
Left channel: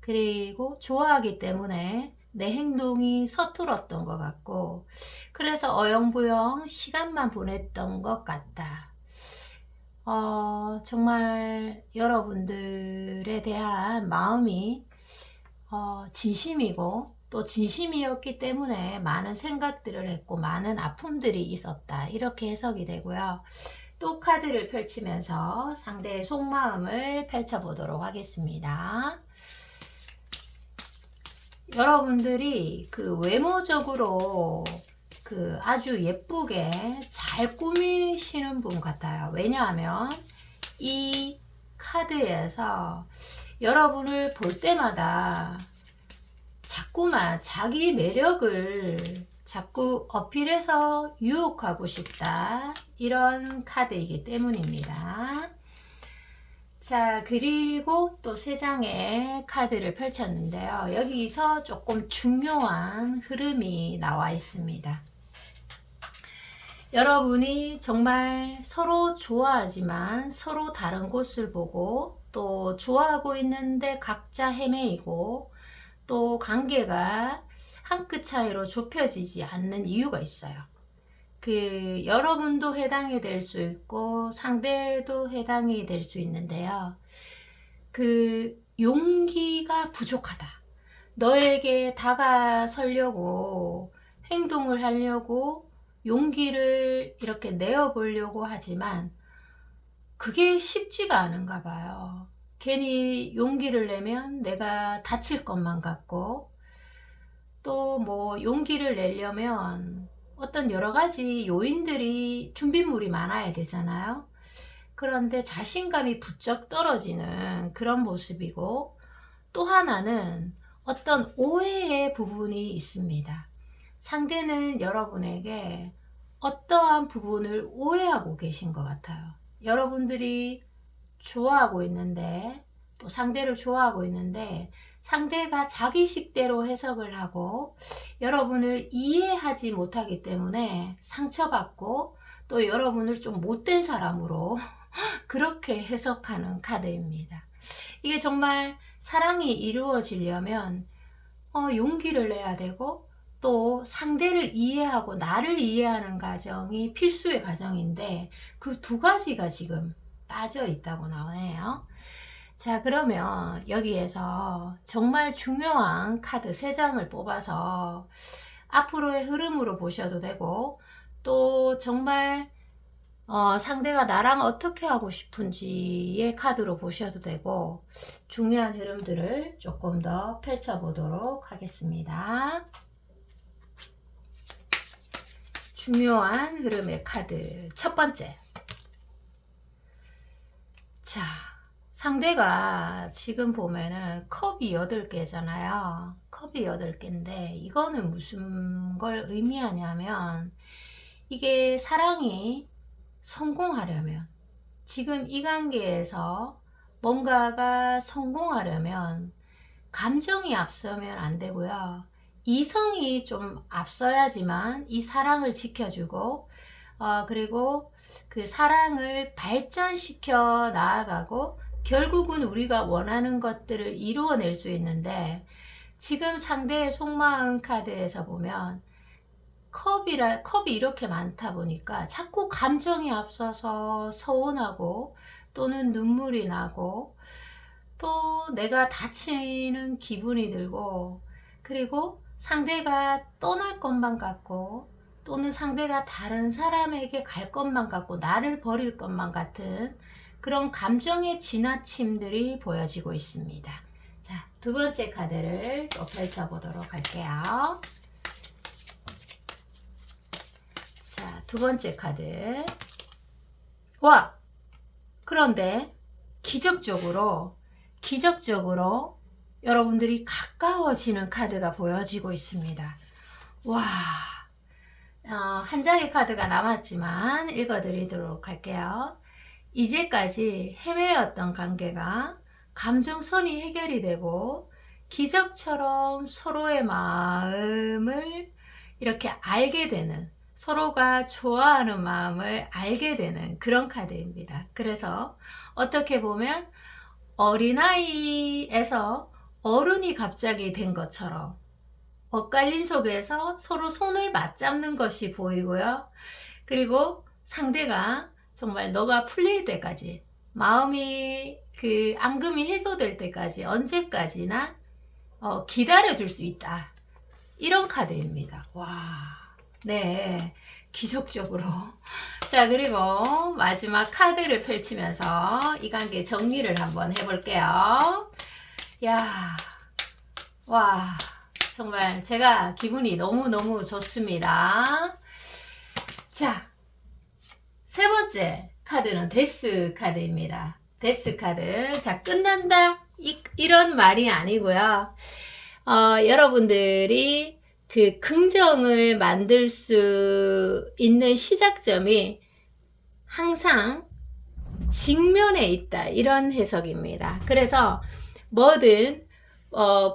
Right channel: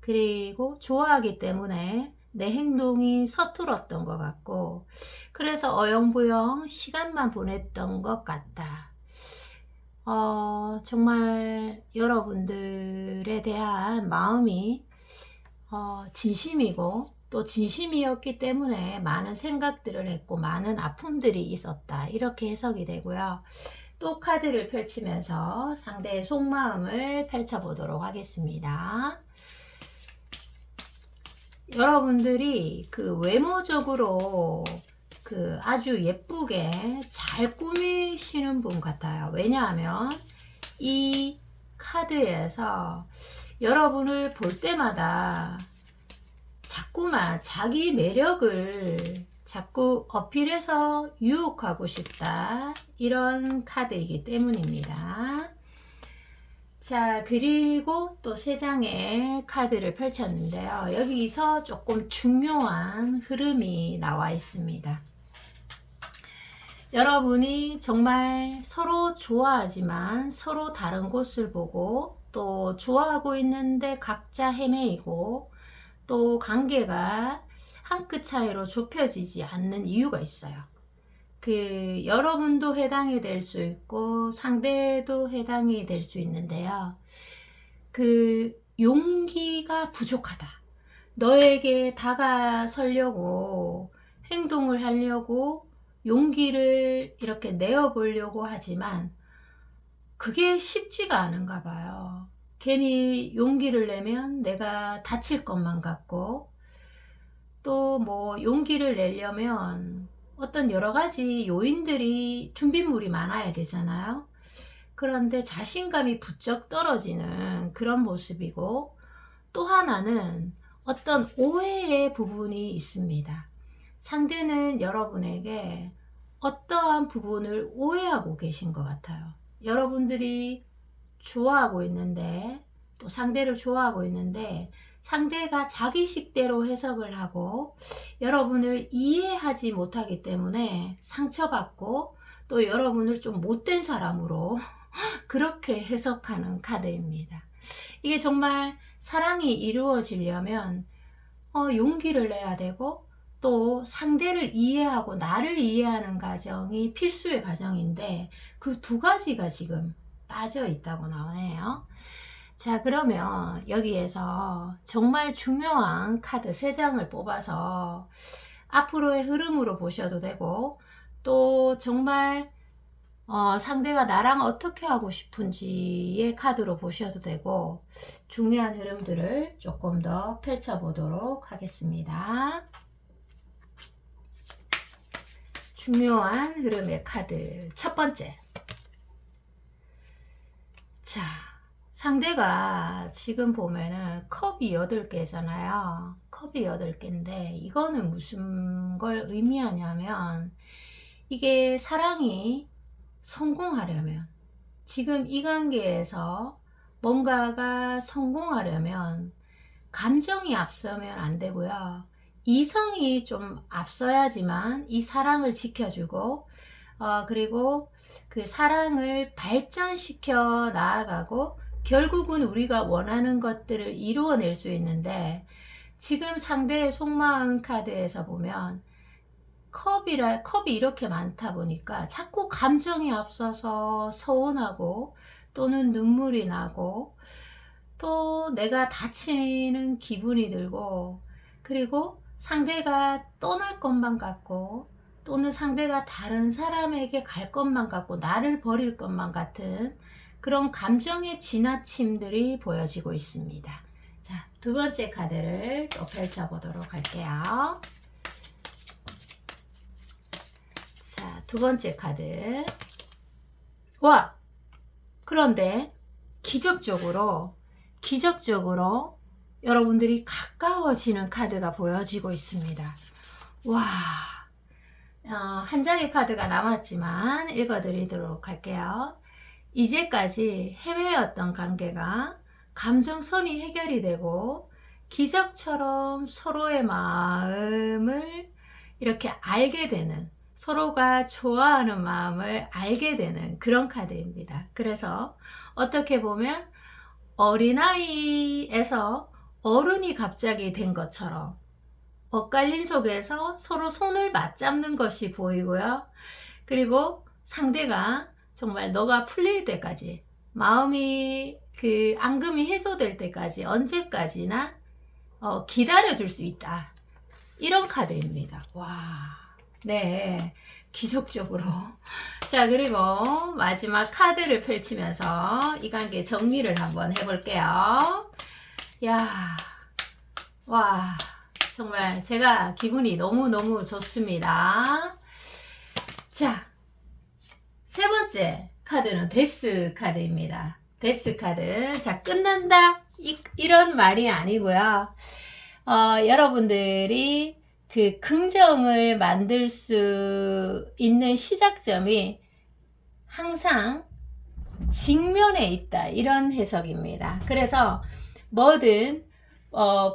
그리고 좋아하기 때문에 내 행동이 서툴었던 것 같고, 그래서 어영부영 시간만 보냈던 것 같다. 정말 여러분들에 대한 마음이 진심이고, 또 진심이었기 때문에 많은 생각들을 했고 많은 아픔들이 있었다, 이렇게 해석이 되고요. 또 카드를 펼치면서 상대의 속마음을 펼쳐보도록 하겠습니다. 여러분들이 그 외모적으로 그 아주 예쁘게 잘 꾸미시는 분 같아요. 왜냐하면 이 카드에서 여러분을 볼 때마다 자꾸만 자기 매력을 자꾸 어필해서 유혹하고 싶다, 이런 카드이기 때문입니다. 자, 그리고 또 3장의 카드를 펼쳤는데요. 여기서 조금 중요한 흐름이 나와 있습니다. 여러분이 정말 서로 좋아하지만 서로 다른 곳을 보고, 또 좋아하고 있는데 각자 헤매이고, 또 관계가 한 끗 차이로 좁혀지지 않는 이유가 있어요. 그 여러분도 해당이 될 수 있고 상대도 해당이 될 수 있는데요. 그 용기가 부족하다. 너에게 다가서려고, 행동을 하려고 용기를 이렇게 내어보려고 하지만 그게 쉽지가 않은가 봐요. 괜히 용기를 내면 내가 다칠 것만 같고, 또 뭐 용기를 내려면 어떤 여러 가지 요인들이, 준비물이 많아야 되잖아요. 그런데 자신감이 부쩍 떨어지는 그런 모습이고, 또 하나는 어떤 오해의 부분이 있습니다. 상대는 여러분에게 어떠한 부분을 오해하고 계신 것 같아요. 여러분들이 좋아하고 있는데, 또 상대를 좋아하고 있는데 상대가 자기식대로 해석을 하고 여러분을 이해하지 못하기 때문에 상처받고, 또 여러분을 좀 못된 사람으로 그렇게 해석하는 카드입니다. 이게 정말 사랑이 이루어지려면 용기를 내야 되고, 또 상대를 이해하고 나를 이해하는 과정이 필수의 과정인데, 그 두 가지가 지금 빠져 있다고 나오네요. 자, 그러면 여기에서 정말 중요한 카드 3장을 뽑아서 앞으로의 흐름으로 보셔도 되고, 또 정말 상대가 나랑 어떻게 하고 싶은지의 카드로 보셔도 되고, 중요한 흐름들을 조금 더 펼쳐보도록 하겠습니다. 중요한 흐름의 카드 첫 번째. 자, 상대가 지금 보면은 컵이 8개잖아요. 컵이 8개인데 이거는 무슨 걸 의미하냐면, 이게 사랑이 성공하려면, 지금 이 관계에서 뭔가가 성공하려면 감정이 앞서면 안 되고요. 이성이 좀 앞서야지만 이 사랑을 지켜주고, 그리고 그 사랑을 발전시켜 나아가고 결국은 우리가 원하는 것들을 이루어낼 수 있는데, 지금 상대의 속마음 카드에서 보면 컵이 이렇게 많다 보니까 자꾸 감정이 앞서서 서운하고, 또는 눈물이 나고, 또 내가 다치는 기분이 들고, 그리고 상대가 떠날 것만 같고, 또는 상대가 다른 사람에게 갈 것만 같고 나를 버릴 것만 같은 그런 감정의 지나침들이 보여지고 있습니다. 자, 두 번째 카드를 또 펼쳐보도록 할게요. 자, 두 번째 카드. 와! 그런데 기적적으로 여러분들이 가까워지는 카드가 보여지고 있습니다. 와! 한 장의 카드가 남았지만 읽어드리도록 할게요. 이제까지 해외였던 관계가 감정선이 해결이 되고 기적처럼 서로의 마음을 이렇게 알게 되는, 서로가 좋아하는 마음을 알게 되는 그런 카드입니다. 그래서 어떻게 보면 어린아이에서 어른이 갑자기 된 것처럼 엇갈림 속에서 서로 손을 맞잡는 것이 보이고요. 그리고 상대가 정말 너가 풀릴 때까지, 마음이 그 앙금이 해소될 때까지 언제까지나 기다려줄 수 있다. 이런 카드입니다. 와, 네, 기적적으로. 자, 그리고 마지막 카드를 펼치면서 이 관계 정리를 한번 해볼게요. 야, 와, 정말 제가 기분이 너무너무 좋습니다. 자, 세 번째 카드는 데스 카드입니다. 데스 카드. 자, 끝난다. 이런 말이 아니고요. 여러분들이 그 긍정을 만들 수 있는 시작점이 항상 직면에 있다. 이런 해석입니다. 그래서 뭐든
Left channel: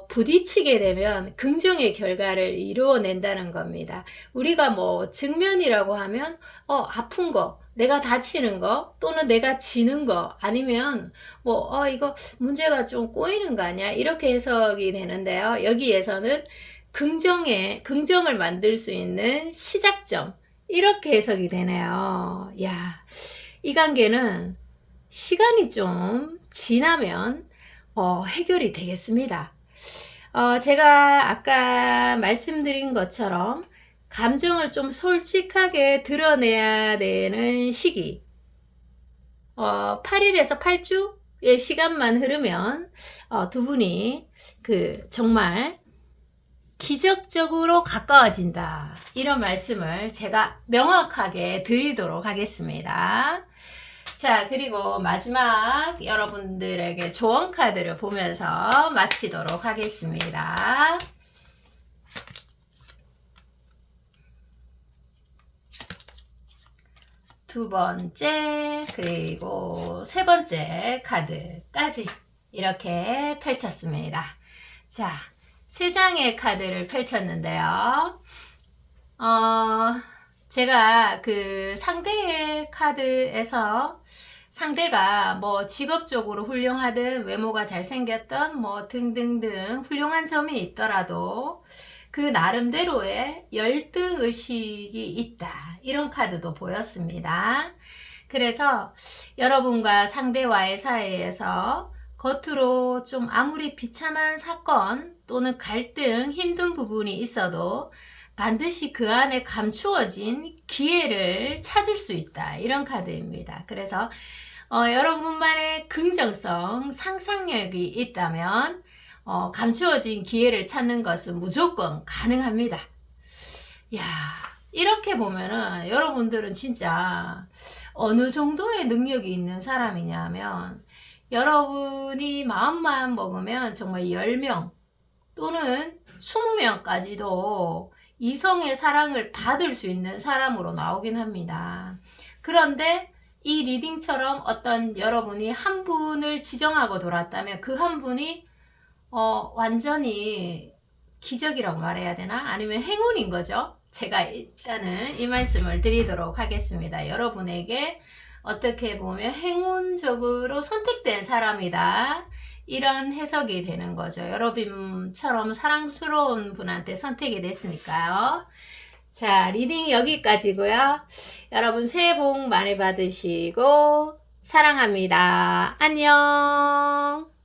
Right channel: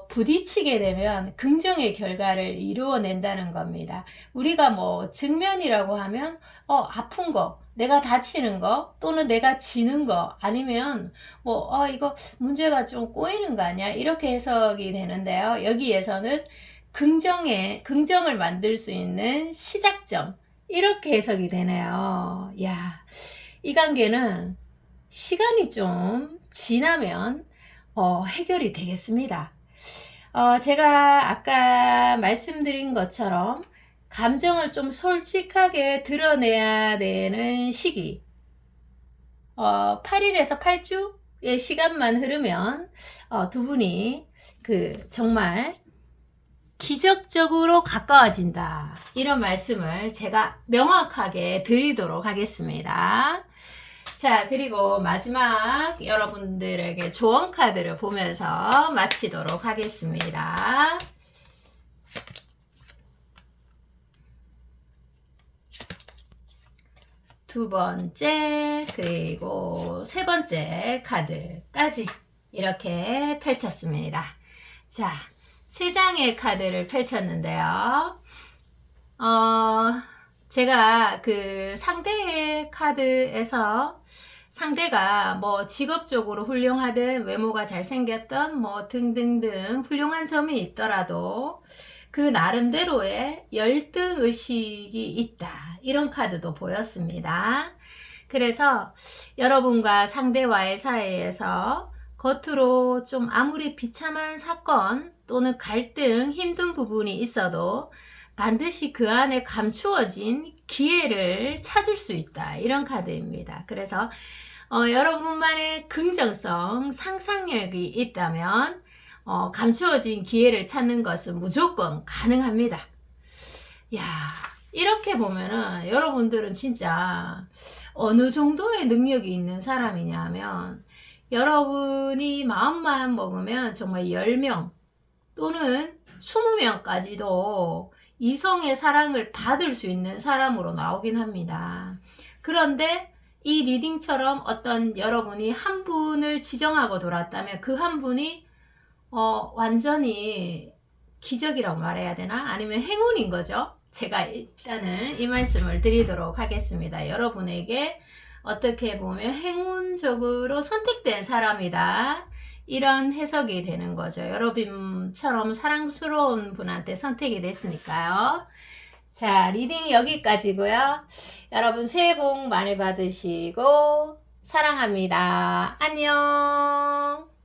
부딪히게 되면 긍정의 결과를 이루어낸다는 겁니다. 우리가 뭐 직면이라고 하면 아픈 거, 내가 다치는 거, 또는 내가 지는 거, 아니면 뭐 이거 문제가 좀 꼬이는 거 아니야? 이렇게 해석이 되는데요. 여기에서는 긍정을 만들 수 있는 시작점, 이렇게 해석이 되네요. 야, 이 관계는 시간이 좀 지나면 해결이 되겠습니다. 제가 아까 말씀드린 것처럼 감정을 좀 솔직하게 드러내야 되는 시기, 8일에서 8주의 시간만 흐르면 두 분이 정말 기적적으로 가까워진다. 이런 말씀을 제가 명확하게 드리도록 하겠습니다. 자, 그리고 마지막 여러분들에게 조언 카드를 보면서 마치도록 하겠습니다. 두 번째, 그리고 세 번째 카드까지 이렇게 펼쳤습니다. 자, 세 장의 카드를 펼쳤는데요. 제가 그 상대의 카드에서 상대가 뭐 직업적으로 훌륭하든 외모가 잘생겼던 뭐 등등등 훌륭한 점이 있더라도 그 나름대로의 열등의식이 있다. 이런 카드도 보였습니다. 그래서 여러분과 상대와의 사이에서 겉으로 좀 아무리 비참한 사건 또는 갈등, 힘든 부분이 있어도 반드시 그 안에 감추어진 기회를 찾을 수 있다. 이런 카드입니다. 그래서 여러분만의 긍정성, 상상력이 있다면 감추어진 기회를 찾는 것은 무조건 가능합니다. 야, 이렇게 보면은 여러분들은 진짜 어느 정도의 능력이 있는 사람이냐면, 여러분이 마음만 먹으면 정말 10명 또는 20명까지도 이성의 사랑을 받을 수 있는 사람으로 나오긴 합니다. 그런데 이 리딩처럼 어떤 여러분이 한 분을 지정하고 돌았다면 그 한 분이 완전히 기적이라고 말해야 되나? 아니면 행운인 거죠. 제가 일단은 이 말씀을 드리도록 하겠습니다. 여러분에게 어떻게 보면 행운적으로 선택된 사람이다. 이런 해석이 되는 거죠. 여러분처럼 사랑스러운 분한테 선택이 됐으니까요. 자, 리딩이 여기까지고요. 여러분 새해 복 많이 받으시고 사랑합니다. 안녕.